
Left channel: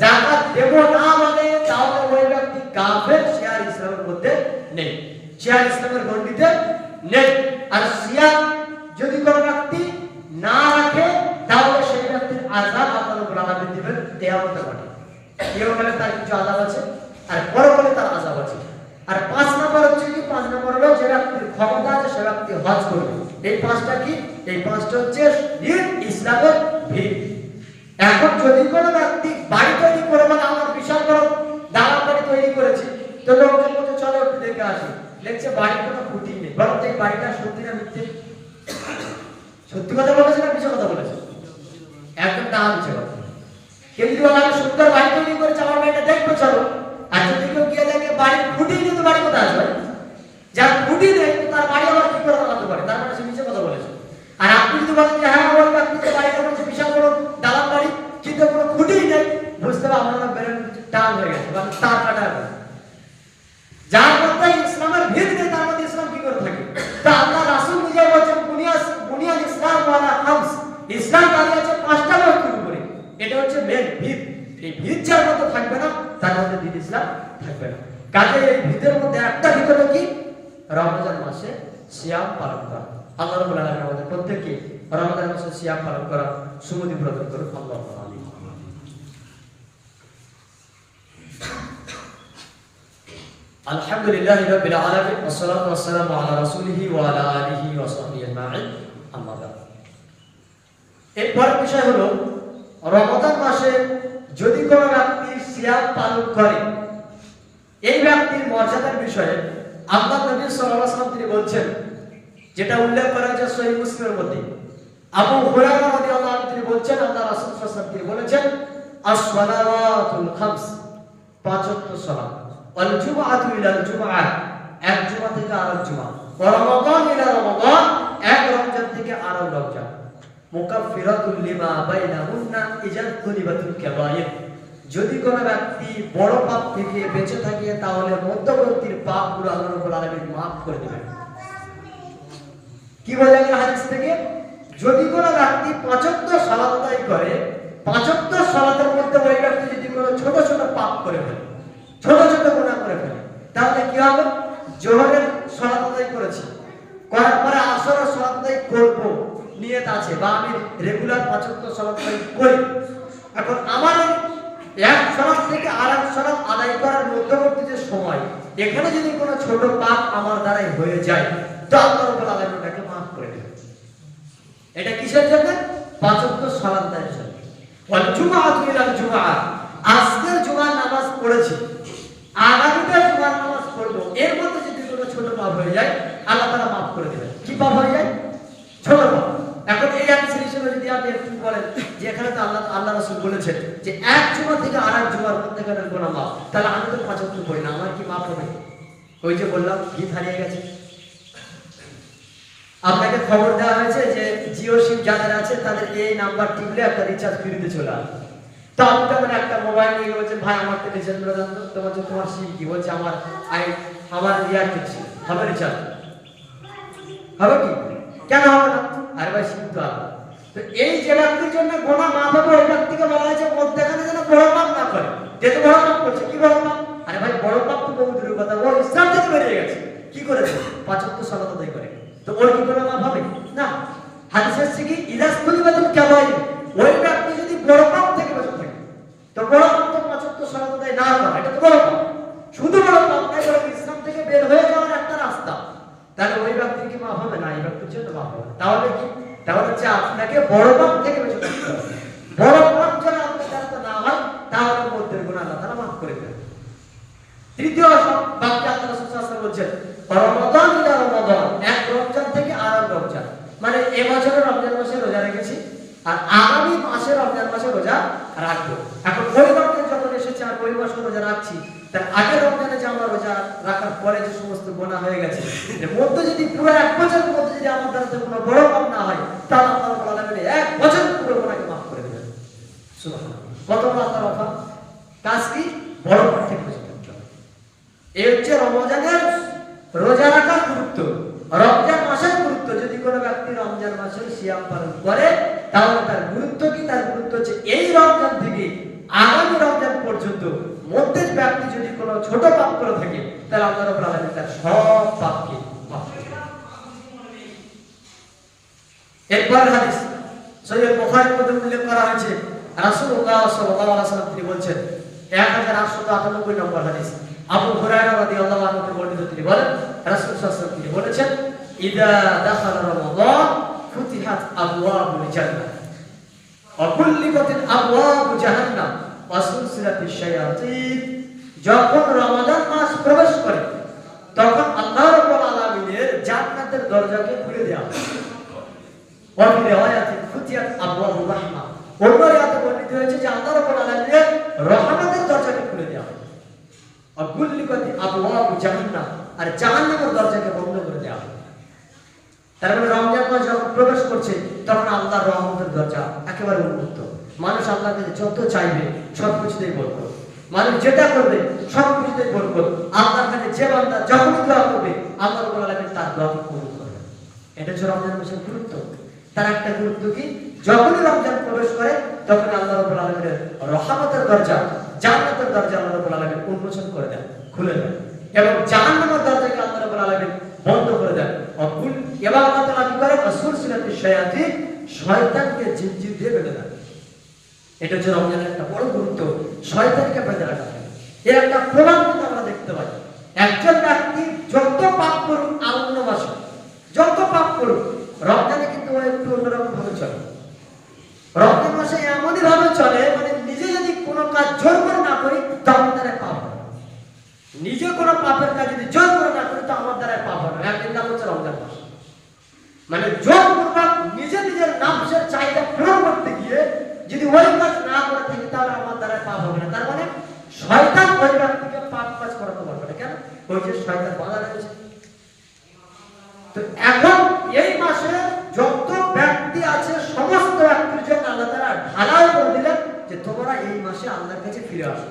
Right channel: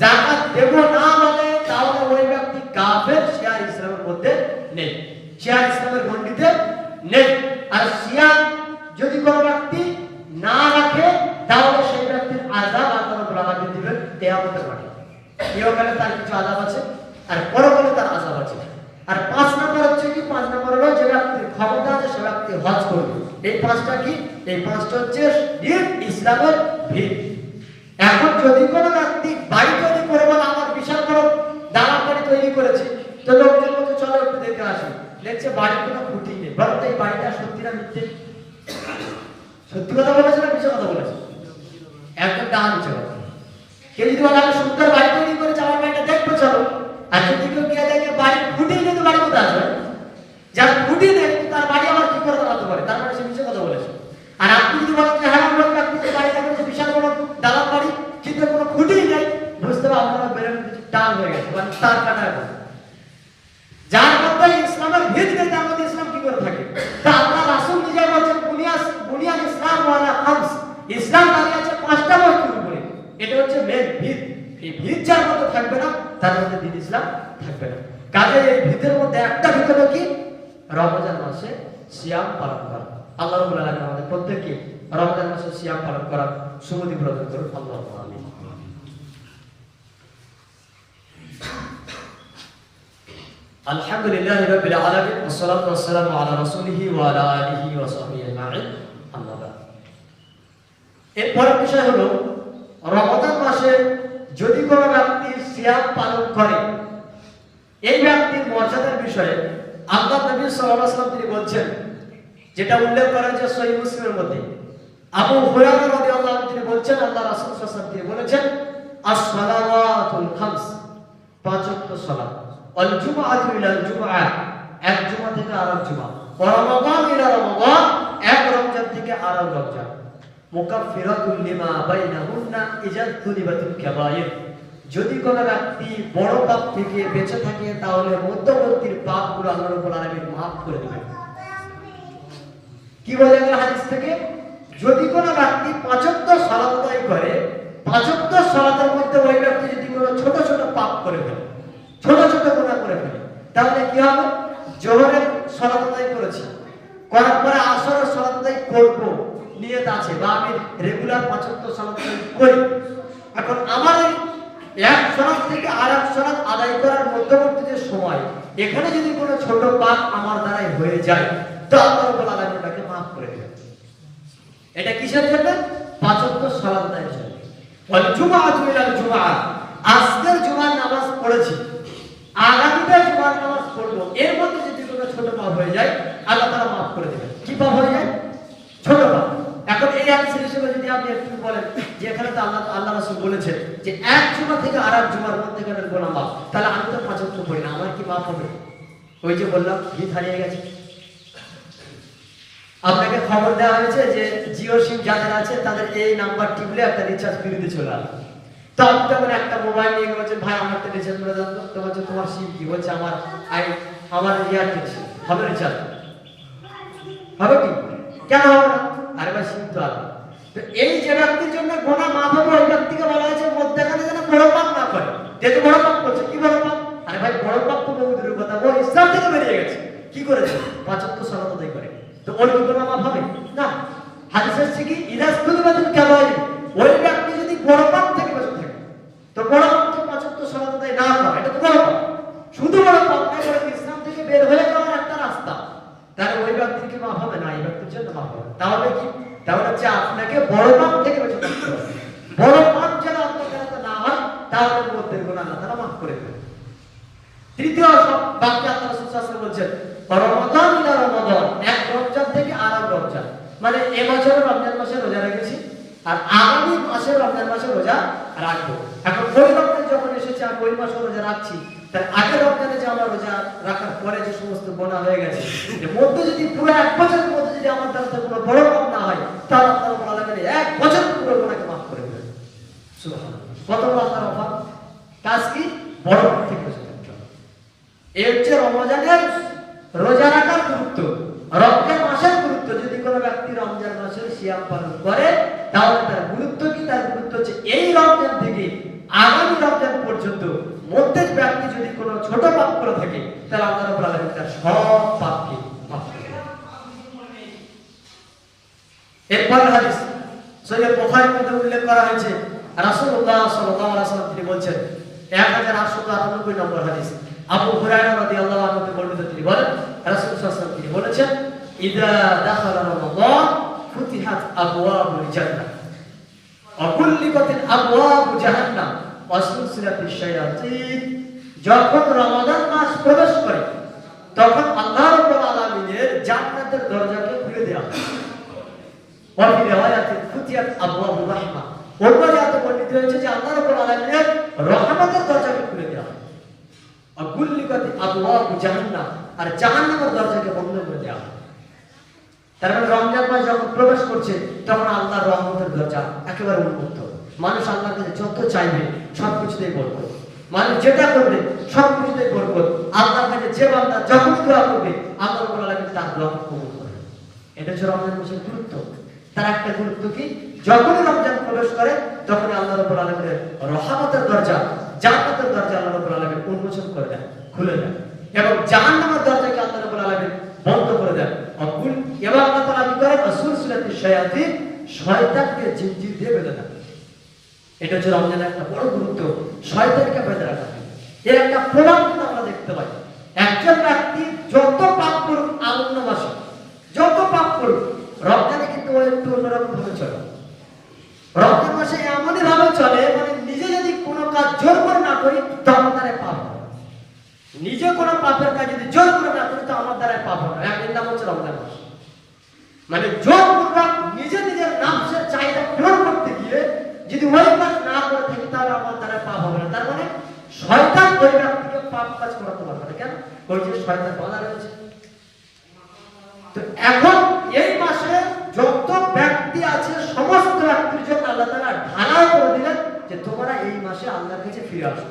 যাকাত দেব না বলে, তাহলে ওই ব্যক্তি কাফের, সে আর ইসলামের মধ্যে নেই, সে আর ইসলামের গণ্ডিতে নেই। আর সিয়াম যদি কোনো ব্যক্তি না রাখে, তাহলে সেই ব্যক্তির আযাব আল্লাহ রাব্বুল আলামিন দিবেন কিয়ামতের মাঠে। ইহকালে তার কিছু আযাব আছে আর পরকালে তার আযাব আছে। আর 5 নম্বর হচ্ছে কি? 5 নম্বর হলো যে ব্যক্তির ক্ষমতা আছে সে ব্যক্তি হজ করবে। এই 5টা কি? এই 5টা হচ্ছে ইসলামের ভিত। এখন যদি কোনো ব্যক্তি বাড়ি তৈরি করে বলে আমার বিশাল বড় দালান বাড়ি তৈরি করেছি, তো লোকজন বলছে চলো একটু দেখে আসি, দেখছে বাড়ির কোনো খুঁটি নেই, বরং এই বাড়িটা সত্যি না মিথ্যে? সত্যি কথা বলেছে না মিথ্যে কথা বলেছে? একদম ডাহা মিথ্যে কথা। কেউ যদি বলে আমি সুন্দর বাড়ি তৈরি করেছি, আমার বাড়িটা দেখবে চলো, আর যদি কেউ গিয়ে দেখে বাড়ির খুঁটি নেই, তো বাড়ি কোথায় আসবে? যার খুঁটি নেই তার বাড়ি আবার কি করে বানাতে পারে? তার মানে সে মিথ্যে কথা বলেছে। আর আপনি যদি বলেন যে হ্যাঁ বলবেন আপনি যে বাড়িটা করেছে বিশাল বড় দালান বাড়ি, কিন্তু কোনো খুঁটি নেই, বুঝতে পারবেন আপনার ব্রেন টান হয়ে গেছে, মানে তার কাটা গেছে। যার মধ্যে ইসলামের ভিত নেই তার মধ্যে ইসলাম কি করে থাকে? তা আল্লাহ রাসূল নিজে বলেছেন বুনিয়াল ইসলাম ওয়ালা খামস, ইসলাম দাঁড়িয়ে আছে 5টা বস্তুর উপরে। এটা হচ্ছে মেন ভিত। এই ভিত যার মধ্যে থাকবে না, তার মধ্যে দ্বীন ইসলাম থাকবে না। কাজে এই ভিতের মধ্যে একটা ভিত হলো কি? রমজান মাসে সিয়াম পালন করা। আল্লাহ রাব্বুল আলামিন আমাদের প্রত্যেককে রমজান মাসে সিয়াম পালন করা সুমতি প্রদান করুন। আল্লাহু আমিন। আলহামদুলিল্লাহি রাব্বিল আলামিন ওয়াসসালাতু ওয়াসসালামু আলা রাসূলিহি ওয়া আলা আলিহি ওয়া সাহবিহি আজমাইন, আম্মা বাদ। এরপরের বিষয় হলো রমাদান মাসে যদি কোনো ব্যক্তি সিয়াম পালন করে, এই ব্যক্তির মর্যাদার বিষয়ে আল্লাহ নবী সাল্লাল্লাহু আলাইহি ওয়াসাল্লাম তিনি বলছেন, যেটা উল্লেখ করা হয়েছে সহিহ মুসলিমের মধ্যে। আবু হুরায়রা রাদিয়াল্লাহু আনহু তিনি বলছেন, আল্লাহ রাসূল সাল্লাল্লাহু আলাইহি ওয়াসাল্লাম তিনি বলেছেন, আস-সালাওয়াতুল খামস, পাঁচ ওয়াক্ত সালাত, ওয়াল জুমআতু ইলাল জুমআ, এক জুমা থেকে আরেক জুমা, ওয়া রমাদান ইলা রমাদান, এক রমজান থেকে আরেক রমজান, মুকাফফিরাতুল লিমা বাইনাহুন্না ইজা তুলিবাতুল কাবায়ের। যদি কোনো ব্যক্তি বড় পাপ থেকে বেঁচে থাকে তাহলে মধ্যবর্তী পাপগুলো আল্লাহ রাব্বুল আলামিন maaf করে দিবেন। কি বোঝা গেল হাদিস থেকে? যদি কোনো ব্যক্তি পাঁচ ওয়াক্ত সালাত আদায় করে, পাঁচ ওয়াক্ত সালাতের মধ্যে ওই ব্যক্তি যদি কোনো ছোট ছোট পাপ করে ফেলে, ছোট ছোট গুনাহ করে ফেলে, তাহলে কি হবে? জোহরের সালাত আদায় করেছি, করার পরে আসরের সালাত আদায় করব নিয়ত আছে, বা আমি রেগুলার পাঁচ ওয়াক্ত সালাত আদায় করি। এখন আমার এক সালাত থেকে আরেক সালাত আদায় করার মধ্যবর্তী যে সময়, এখানে যদি কোনো ছোট পাপ আমার দ্বারাই হয়ে যায়, তো আল্লাহ রাব্বুল আলামিন তাকে maaf করে দেবেন। এটা কিসের জন্য? পাঁচ ওয়াক্ত সালাত আদায়ের জন্য। ওয়াল জুমআতু ইলাল জুমআ, আজকের জুমার নামাজ পড়েছি, আগামীকাল জুমার নামাজ পড়ব, এর মধ্যে যদি কোনো ছোট পাপ হয়ে যায় আল্লাহ তাআলা maaf করে দেবেন। কি পাপ হয়ে যায়? ছোট পাপ। এখন এই আনসার হিসেবে যদি আপনি একটু বলেন যে এখানে তো আল্লাহ রাসূল বলেছেন যে এক জুমা থেকে আরেক জুমার মধ্যখানের গুনাহ maaf, তাহলে আমি তো পাঁচ ওয়াক্ত পড়ি না, আমার কি maaf হবে? ওই যে বললাম গীত হারিয়ে গেছে। আপনাকে খবর দেওয়া হয়েছে যে জিও সিম যাদের আছে তাদের এই নাম্বার টিপলে একটা রিচার্জ ফ্রিতে চলে আসবে। তো আপনি তখন একটা মোবাইল নিয়ে বলছেন, ভাই আমার তো রিচার্জ করে দেন। তো বলছে তোমার সিম কি? বলছে আমার এয়ারটেল সিম। হবে রিচার্জ? হবে কি? কেন হবে না? আরে ভাই সিম তো আলাদা। তো এই যে ব্যক্তির জন্য গোনা মাফ হবে, ওই ব্যক্তিকে বলা হয়েছে মধ্যখানে যেন বড় পাপ না করে। যেহেতু বড় পাপ করছে, কি বড় পাপ? আরে ভাই বড় পাপ তো বহু দূরের কথা, ও ইসলাম থেকে বেরিয়ে গেছে। কি করেছে? পাঁচ ওয়াক্ত সালাত আদায় করে। তো ওর কি কোনো মাফ হবে না? হাদিসে আছে কি ইদাস তুলিবাতুল কাবাইর, ওই ব্যক্তি যদি বড় পাপ থেকে বেঁচে থাকে, তো বড় পাপ থেকে পাঁচ ওয়াক্ত সালাত আদায় না করে, এটা তো বড় পাপ। শুধু বড় পাপ নয়, বরং ইসলাম থেকে বের হয়ে যাওয়ার একটা রাস্তা। তাহলে ওই ব্যক্তির কি মাফ হবে না? এই ব্যক্তির জন্য মাফ হবে। তাহলে কি? তাহলে হচ্ছে আপনাকে বড় পাপ থেকে বেঁচে থাকতে হবে। বড় পাপ যেন আপনার কাছে না হয়, তাহলে মধ্যের গুনাহ আল্লাহ তাআলা মাফ করে দেবেন। তৃতীয় বাক্যে আল্লাহ রাসূল সাল্লাল্লাহু আলাইহি ওয়াসাল্লাম বলছেন, রমাদান ইলা রমাদান, এক রমজান থেকে আরেক রমজান। মানে এবছর রমজান মাসে রোজা রেখেছি, আর আগামী মাসে রমজান মাসে রোজা রাখবো। এখন ওই রমজান যখন এসেছে আর ওই মাসে রোজা রাখছি, তার আগের রমজানে যে আমরা রোজা রাখার পরে যে সমস্ত গুনাহ হয়ে গেছে, এর মধ্যে যদি পুরো এক বছরের মধ্যে যদি আমার দ্বারা কোনো বড় পাপ না হয়, তাহলে আল্লাহ রাব্বুল আলামিন এক বছর পুরো গুনাহকে maaf করে দেবেন। সুবহানাল্লাহ। কত বড় আল্লাহর অফার! কাজ কি? বড় পাপ থেকে বেঁচে থাকতে হবে। এই হচ্ছে রমজানের রোজা রাখার গুরুত্ব, রমজান মাসের গুরুত্ব। যদি কোনো ব্যক্তি রমজান মাসে সিয়াম পালন করে, তাহলে তার গুরুত্ব কি? তার গুরুত্ব হচ্ছে এই রমজান থেকে আগামী রমজান পর্যন্ত মধ্যে ব্যক্তি যদি কোনো ছোট পাপ করে থাকে, তাহলে আল্লাহ রাব্বুল আলামিন তার সব পাপকে মাফ করে দেন। এরপর হাদিস সহিহ বুখারীর মধ্যে উল্লেখ করা হয়েছে, রাসূলুল্লাহ সাল্লাল্লাহু আলাইহি ওয়াসাল্লাম তিনি বলছেন, 1898 নম্বর হাদিস, আবু হুরায়রা রাদিয়াল্লাহু আনহু থেকে বর্ণিত, তিনি বলেন রাসূল সাল্লাল্লাহু আলাইহি ওয়াসাল্লাম তিনি বলেছেন, ইযা দাখালা রমাদান ফুতিহাত আবওয়াবুল জান্নাহ ওয়া কুল্লিবাতিল আবওয়াবু জাহান্নাম ওয়া সুলসিলাতিশ শায়াতিন। যখন রমাদান মাস প্রবেশ করে, তখন আল্লাহ রাব্বুল আলামিনের জান্নাতের দরজাকে খুলে দেওয়া হয়। ওয়া ফি রিওয়ায়াতিন ফুতিহাত আবওয়াবুর রাহমা, অন্য আয়াতে বর্ণিত হয়েছে যে আল্লাহ রাব্বুল আলামিনের রহমতের দরজাকে খুলে দেওয়া হয়। আগুল্লিকাতি আবওয়াবু জাহান্নাম, আর জাহান্নামের দরজাকে বন্ধ করে দেওয়া হয়। তার মানে রমজান মাস যখন প্রবেশ করছে, তখন আল্লাহর রহমতের দরজা একেবারে উন্মুক্ত। মানুষ আল্লাহর কাছে যত চাইবে সবকিছুতেই বরকত, মানুষ যেটা করবে সবকিছুতেই বরকত। আল্লাহর কাছে যে বান্দা যখনই দোয়া করবে, আল্লাহ রাব্বুল আলামিন তার দোয়াকে কবুল করবেন। এটা হচ্ছে রমজান মাসের গুরুত্ব। তার একটা গুরুত্ব কি? যখনই রমজান প্রবেশ করে, তখন আল্লাহ রাব্বুল আলামিনের রহমতের দরজা, জান্নাতের দরজা আল্লাহ রাব্বুল আলামিন উন্মোচন করে দেন, খুলে দেন, এবং জাহান্নামের দরজাকে আল্লাহ রাব্বুল আলামিন বন্ধ করে দেন। অকুল এবং আল্লাহ তাআলা কি করেন? সুলসিলাতিশ শায়াতিন, শয়তানকে জিনজির দিয়ে বেঁধে দেন। এটা হচ্ছে রমজানের একটা বড় গুরুত্ব, শয়তানকে বেঁধে রাখা। এর একটা প্রমাণ কিন্তু আমরা দেখতে পাই। একজন কোনো পাপের কাজ যদি জোর করে না করি তো আমার দ্বারা পাপ হবে না। এর নাম হচ্ছে রমজান মাস। মানে জোর পূর্বক নিজের নাফসের চাহিদা পূরণ করতে গিয়ে যদি ওই কাজ না করে থাকি তাহলে আমার দ্বারা পাপ হবে না। তার মানে শয়তান ওই ব্যক্তিকে পাপ কাজ করাতে পারবে না। কেন? ওই যে শয়তান বাধা রয়েছে। তো এখন এই মাসে যত ব্যক্তি আছে সমস্ত ব্যক্তির জন্য আল্লাহ তাআলা ঢালাই করে দিলেন যে তোমরা এই মাসে আল্লাহর কাছে ফিরে আসো।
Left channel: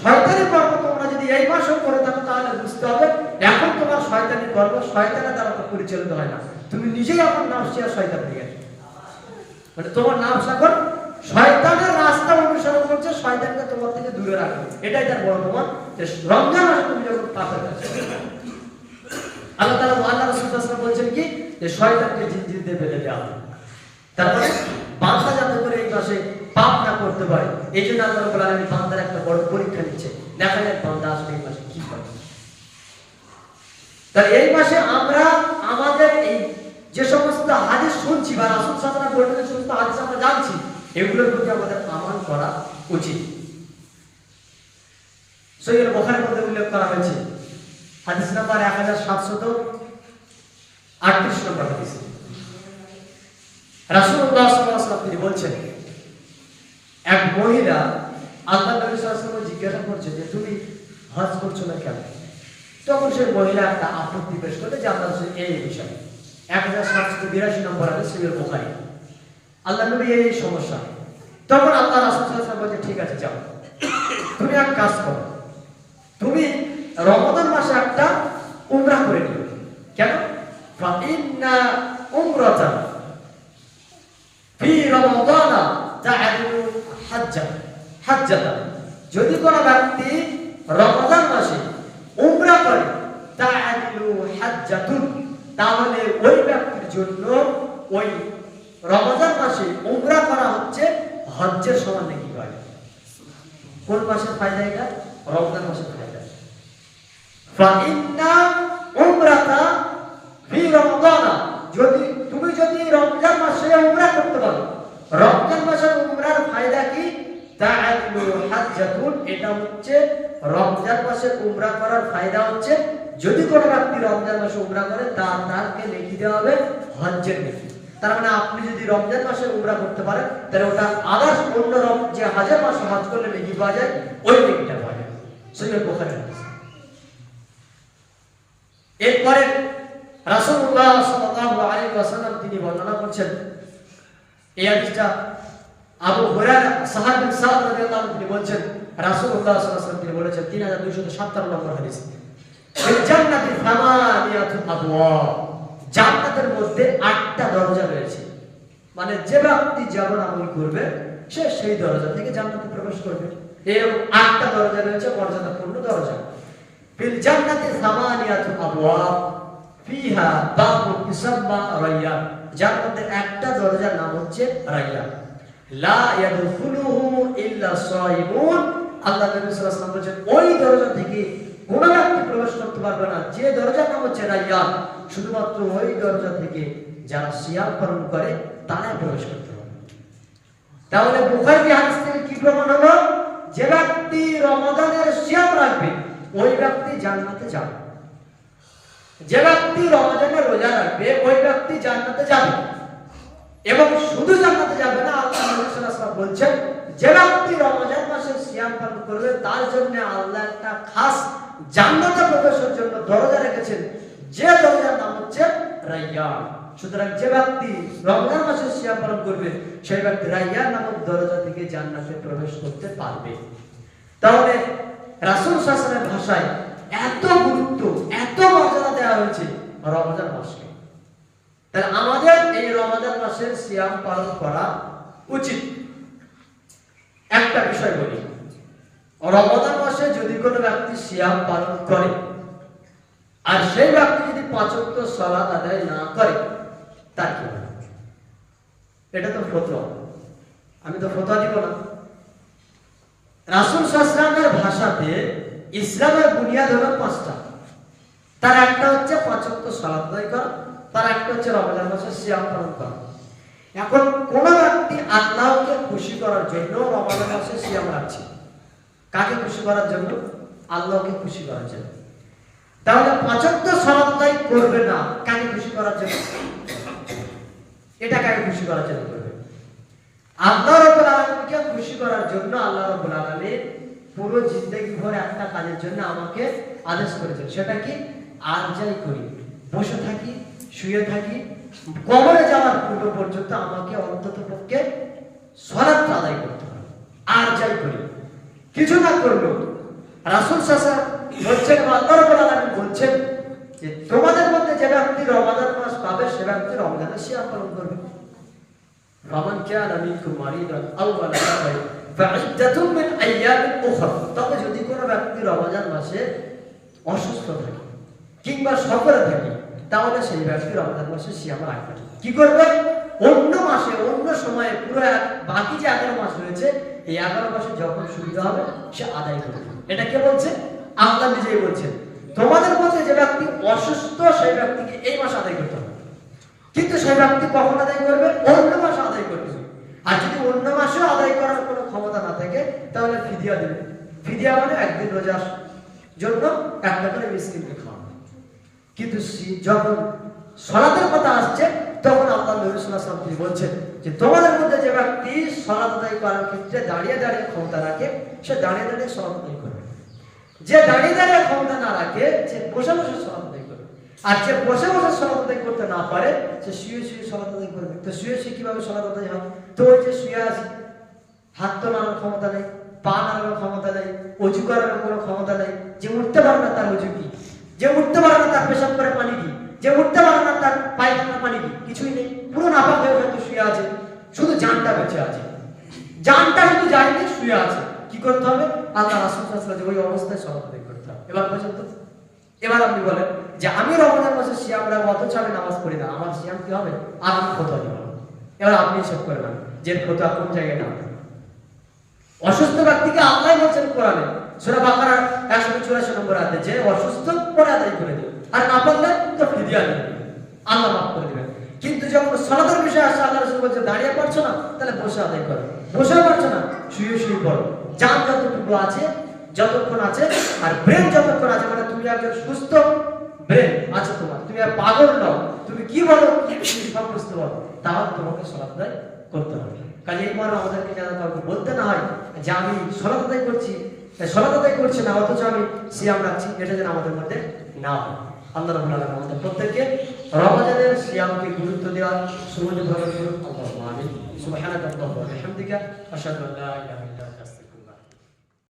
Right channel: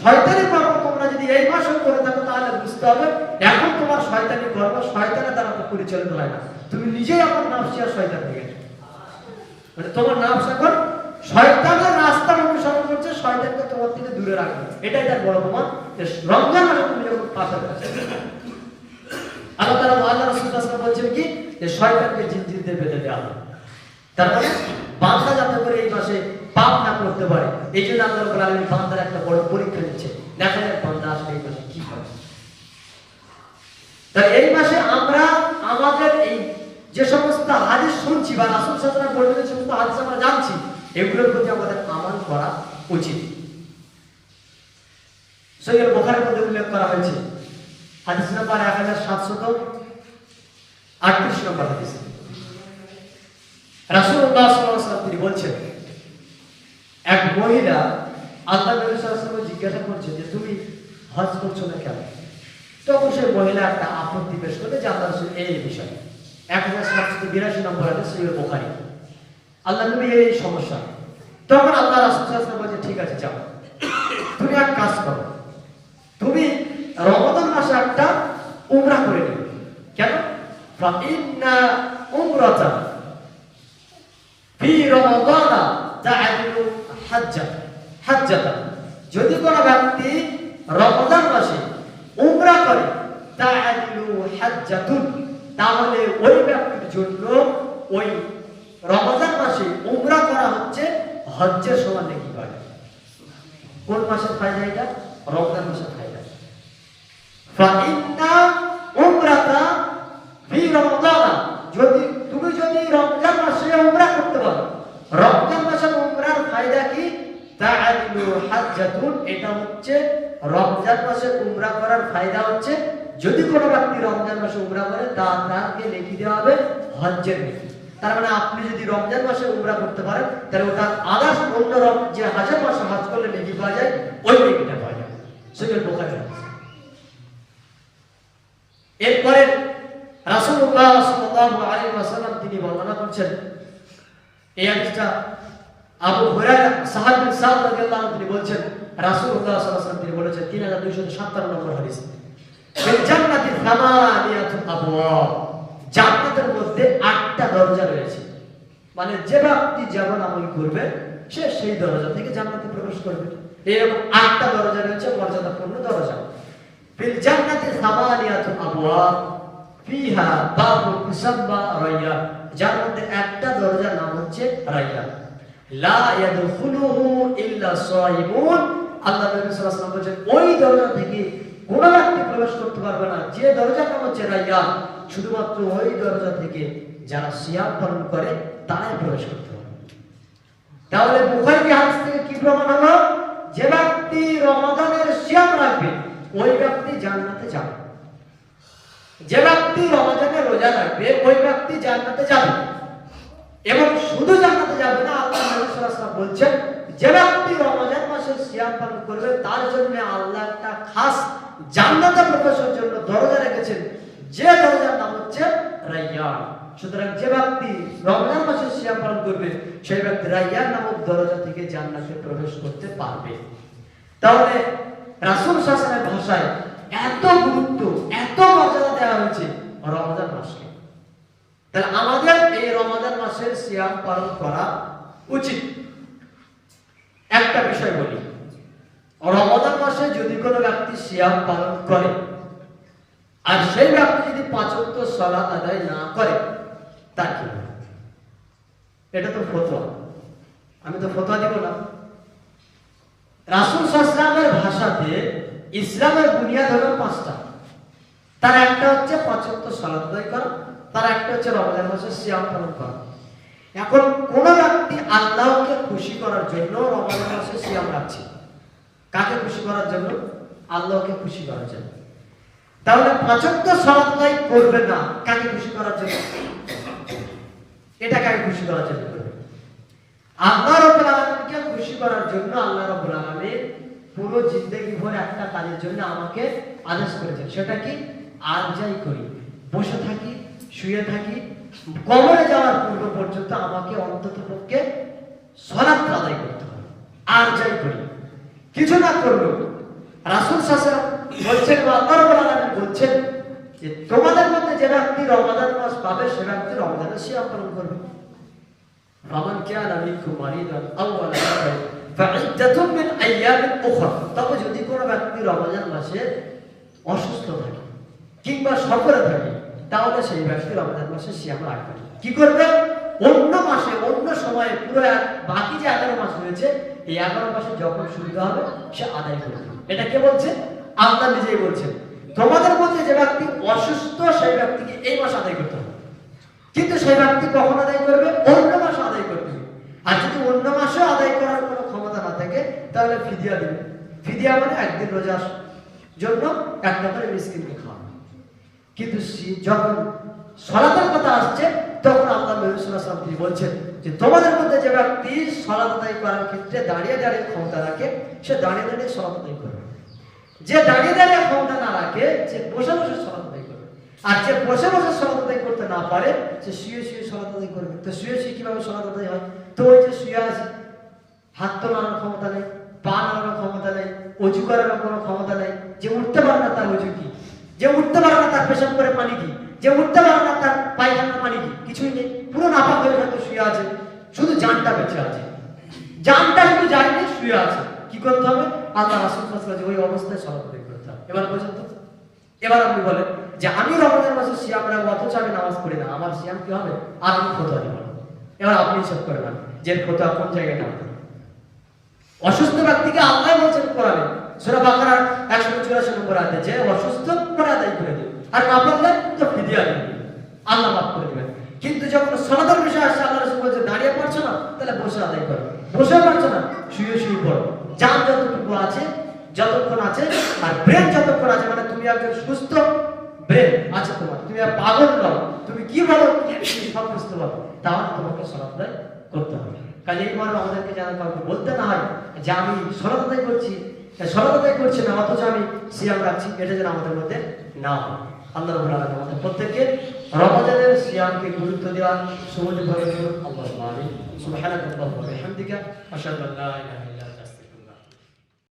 শয়তানি কর্ম তোমরা যদি এই মাসে করে থাকো তাহলে বুঝতে হবে এখন তোমার শয়তানি কর্ম শয়তানের দ্বারা তো পরিচালিত হয় না, তুমি নিজেই আপনার নাফসি আর শয়তান হয়ে গেছো। মানে তোমার নাফস এখন শয়তানের রাস্তার অনুসরণ করছে, শয়তানকে তোমার থেকে দূরে রাখবে। এটাই তার বড় প্রমাণ যে রমজান মাসে তুমি যখন পাপের কাজ আল্লাহ তাআলা আল্লাহ রাসূল সাল্লাল্লাহু আলাইহি ওয়াসাল্লাম বলছেন কি যে শয়তানকে জিনজির দিয়ে বেঁধে দেওয়া হবে। তারপরে বান্দা যাতে করে এই মাসে পাপ না করতে পারে এই জন্য আল্লাহ রাব্বুল আলামিন বান্দার একটা বড় পরীক্ষা নিচ্ছে, দেখা যায় বান্দা আসলে এই মাসে কি করে। তাই এই মাসে আমরা আমাদের এই যে সমস্ত হাদিস শুনছি বা রাসূল সাল্লাল্লাহু আলাইহি ওয়াসাল্লাম বলেছেন যে সমস্ত হাদিস আমরা জানছি এগুলোর প্রতি আমাদের আমল করা উচিত। সহিহ বুখারীর মধ্যে উল্লেখ করা হয়েছে হাদিস নাম্বার 1738 নম্বর হাদিস। রাসূলুল্লাহ সাল্লাল্লাহু আলাইহি ওয়াসাল্লাম তিনি বলছেন এক মহিলা আল্লাহ নবী সাল্লাল্লাহু আলাইহি ওয়াসাল্লামকে জিজ্ঞাসা করছে যে তুমি হজ করছো না কেন? তখন সেই মহিলা একটা আপত্তি পেশ করলে যে আল্লাহ রাসূল এই বিষয় 1782 নম্বর হাদিস সহিহ বুখারী। আল্লাহ নবী এই সমস্যা। তখন আল্লাহ রাসূল সাল্লাল্লাহু আলাইহি ওয়াসাল্লাম বলেছে ঠিক আছে যাও, তুমি এক কাজ করো, তুমি রমাদান মাসে একটা উমরা করে নিও। কেন? ফা ইন্না উমরাতান ফি রমাদান তা'দিলু হাজ্জাতান। যদি কোনো ব্যক্তি রমাদান মাসে উমরা করে তা'দিলু হাজ্জাতুন, তাহলে ওই ব্যক্তির জন্য ওই রমাদান মাসে উমরা করা হচ্ছে হজ্জের সমান নেকি পায়। কোন মাসের ফায়দা এটা? রমজান মাসের ফায়দা। ফা ইন্না উমরাতা ফি রমাদান, যদি রমজান মাসে উমরা করতে পারো, রমজান মাসের উমরার ফায়দা কি? তা'দিলু হাজ্জাতুন, এটা হচ্ছে রমজান মাসে উমরা করার ফায়দা হচ্ছে যদি কোনো ব্যক্তি রমজান মাসে উমরা করে তাকে নেকি দেওয়া হবে হজ্জের নেকি। তার মানে আপনি যদি রমজান মাসে উমরা করতে পারেন তাহলে ওটা আদার্স অন্য যে হাজার মাসে হজ করলে নেকি পাওয়া যায় ওই নেকিটা পাওয়া যায়। সহিহ বুখারী। এরপরে রাসূলুল্লাহ সাল্লাল্লাহু আলাইহি ওয়াসাল্লাম তিনি বর্ণনা করছেন এই হাদিসটা আবু হুরায়রা সাহাবী সাদ রাদিয়াল্লাহু আনহু তিনি বলছেন রাসূলুল্লাহ সাল্লাল্লাহু আলাইহি ওয়াসাল্লাম তিনি বলেছেন 3257 নম্বর হাদিস, ফিল জান্নাতি সামানিয়াতু আবওয়াব, জান্নাতের মধ্যে 8টা দরজা রয়েছে। মানে যে ব্যক্তি যেমন আমল করবে সে সেই দরজা থেকে জান্নাতে প্রবেশ করবে। এরকম 8টা দরজা রয়েছে, মর্যাদাপূর্ণ দরজা। ফিল জান্নাতি সামানিয়াতু আবওয়াব ফিহা বাবু ইসাম্মা রায়্যান, জান্নাতে একটা দরজার নাম হচ্ছে রায়্যান। লা ইয়াদখুলুহু ইল্লা সায়িমুন, আল্লাহ নবী সাল্লাল্লাহু আলাইহি ওয়াসাল্লাম বলেন ওই দরজা থেকে কোন ব্যক্তি প্রবেশ করতে পারবে না যে দরজার নাম হচ্ছে রায়্যান, শুধুমাত্র ওই দরজা থেকে যারা সিয়াম পালন করে তারাই প্রবেশ করতে পারবে। তাহলে বুখারী হাদিস থেকে কি প্রমাণ হলো? যে ব্যক্তি রমাদানের সিয়াম রাখবে ওই ব্যক্তি জান্নাতে যাবে। যে ব্যক্তি রমাদানের রোজা রাখবে ওই ব্যক্তি জান্নাতে যাবে। এবং শুধু জান্নাতে যাবে না, আল্লাহ নবী সাল্লাল্লাহু আলাইহি ওয়াসাল্লাম বলছেন যে ব্যক্তি রমজান মাসে সিয়াম পালন করবে তার জন্য আল্লাহ একটা খাস জান্নাতে প্রবেশের জন্য দরজা রেখেছেন, যে দরজার নাম হচ্ছে রায়্যান। সুতরাং যে ব্যক্তি রমজান মাসে সিয়াম পালন করবে সেই ব্যক্তি রায়্যান নামক দরজা থেকে জান্নাতে প্রবেশ করতে পারবে। তাহলে রাসূল সাল্লাল্লাহু আলাইহি ওয়াসাল্লামের ভাষায় এত গুরুত্ব, এত মর্যাদা দেওয়া হয়েছে রমজান মাসকে। তাহলে আমাদের এই রমজান মাসের সিয়াম পালন করা উচিত। একটা বিষয় বলি, রমজান মাসে যদি কোনো ব্যক্তি সিয়াম পালন করে আর সেই ব্যক্তি যদি 5 ওয়াক্ত সালাত আদায় না করে তার কি হবে? এটা তো ফতোয়া, আমি তো ফতোয়া দিব না। রাসূল সাল্লাল্লাহু আলাইহি ওয়াসাল্লামের ভাষাতে ইসলামের বুনিয়াদ হলো 5টা। তার একটা হচ্ছে 5 ওয়াক্ত সালাত আদায় করা, তার একটা হচ্ছে রমজান মাসে সিয়াম পালন করা। এখন কোন ব্যক্তি আল্লাহকে খুশি করার জন্য রমজান মাসে সিয়াম রাখছে, কাকে খুশি করার জন্য? আল্লাহকে খুশি করার জন্য। তাহলে 5 ওয়াক্ত সালাত আদায় করবে না কাকে খুশি করার জন্য? এটা কাকে খুশি করার জন্য করবে? আল্লাহ রাব্বুল আলামিনকে খুশি করার জন্য আল্লাহ রাব্বুল আলামিন পুরো জিন্দেগি ভরে একটা কাজের জন্য আমাকে আদেশ করেছেন। সেটা কি? আর যাই করি, বসে থাকি, শুয়ে থাকি, কবরে যাওয়ার পূর্ব পর্যন্ত আমাকে অন্তত পক্ষে সালাত আদায় করতে হবে। আর যাই করি, কিছু না করলো রাসূল সাল্লাল্লাহু আলাইহি বলছেন, আল্লাহ রাব্বুল আলামিন বলছেন যে তোমাদের মধ্যে যে ব্যক্তি রমজান মাস পাবে সে ব্যক্তি রমজানের সিয়াম পালন করবে। ফামান কানা মিনকুম মারিদান আও আলা সাফারিন ফাইদ্দাতুম মিন আইয়ামিন উখরা। তবে যদি কোনো ব্যক্তি রমজান মাসে অসুস্থ থাকে কিংবা সফরে থাকে তাহলে সেই ব্যক্তি রমজান মাসে সিয়াম রাখবে। কি করবে? অন্য মাসে অন্য সময়ে পুরো বাকি যে 11 মাস রয়েছে এই 11 মাসে যখন সুবিধা হবে সে আদায় করবে। এটা কে বলছে? আল্লাহ নিজেই বলছেন তোমাদের মধ্যে যে ব্যক্তি অসুস্থ সেই ব্যক্তিকে এই মাস আদায় করতে হবে। কিন্তু সেই ব্যক্তি কখন আদায় করবে? অন্য মাসে আদায় করবে। আর যদি অন্য মাসে আদায় করার কোনো ক্ষমতা না থাকে তাহলে ফিদিয়া দিবে। ফিদিয়া মানে একদিন রোজার জন্য একটা করে মিসকিনকে খাওয়ানো। কিন্তু যখন সালাতের কথা আসছে তখন আল্লাহ নবী সাল্লাল্লাহু আলাইহি ওয়াসাল্লাম বলছেন যে তোমাদের মধ্যে যে ব্যক্তি সালাত আদায় করার ক্ষেত্রে দাঁড়িয়ে দাঁড়িয়ে ক্ষমতা রাখে সে দাঁড়িয়ে দাঁড়িয়ে সালাত আদায় করবে। যে দাঁড়িয়ে দাঁড়িয়ে ক্ষমতা না রাখে সে বসে বসে সালাত আদায় করবে। আর যে বসে বসে সালাত আদায় করতে না পারে সে শুয়ে শুয়ে সালাত আদায় করবে। তো শুয়ে শুয়ে কিভাবে সালাত আদায় হয়? তো ওই যে শুয়ে আছে, হাত তো নাড়ানোর ক্ষমতা নেই, পা নাড়ানোর ক্ষমতা নেই, অজু করার কোনো ক্ষমতা নেই, যে উঠতে পারে না তার অজু কি, যে উঠতে পারে না তার পেশাব করে পানি কি, যে উঠতে পারে না তার পায়খানার পানি কি, কিছুই নেই, পুরো নাপাক হয়ে হয়তো শুয়ে আছে, শুধু জানটা বেঁচে আছে, জানটা শুধু যায়নি শুয়ে আছে। কি করতে হবে? আল্লাহ রাসূল সাল্লাল্লাহু আলাইহি ওয়াসাল্লাম ওই অবস্থায় সালাত আদায় করতে হবে। এবার পর্যন্ত এবার আপনি বলেন যে আমি রমজান মাসে সিয়াম রাখবো অথচ আমি নামাজ পড়ি না, আমার সিয়াম কি হবে? আর আমি ফতোয়া দিব না। এবার আপনি হিসাব করে নেন যে ফতোয়া কোন জায়গায় নাও। অসুস্থ ব্যক্তিকে আল্লাহ বলছেন কোরআনে সূরা বাকারার 184 নম্বর আয়াতে যে অসুস্থ পরে আদায় করে দিও, আর না পারলে তো ফিদিয়া দিও, আল্লাহ মাফ করে দিবেন। কিন্তু যখন সালাতের বিষয় আসে আল্লাহ রাসূল বলছে দাঁড়িয়ে পারছো না তাহলে বসে আদায় করো, বসে পারছো না শুয়ে শুয়ে পড়ো। জান যতটুকু আছে যতক্ষণ আছে আর ব্রেন যতক্ষণ আছে, মানে তুমি একজন সুস্থ ব্রেন আছে তোমার, তুমি আর পাগল নও, তুমি কি বলো কি সব বুঝতে পারো, তাহলে তোমাকে সালাত আদায় করতে হবে। কাজে এই মানে আমাদেরকে যেন কাউকে বলতে না হয় যে আমি সালাত আদায় করছি না অথচ আমি সিয়াম রাখছি, এটা যেন আমাদের মধ্যে না হয়। আল্লাহ রাব্বুল আলামিন আমাদের প্রত্যেককে রমজানের সিয়ামকে গুরুত্ব দেওয়ার সুযোগ করে দিন। আল্লাহুম্মা আমিন। সুবহানাকা আল্লাহুম্মা ওয়া বিহামদিকা আশহাদু আল্লা ইলাহা ইল্লা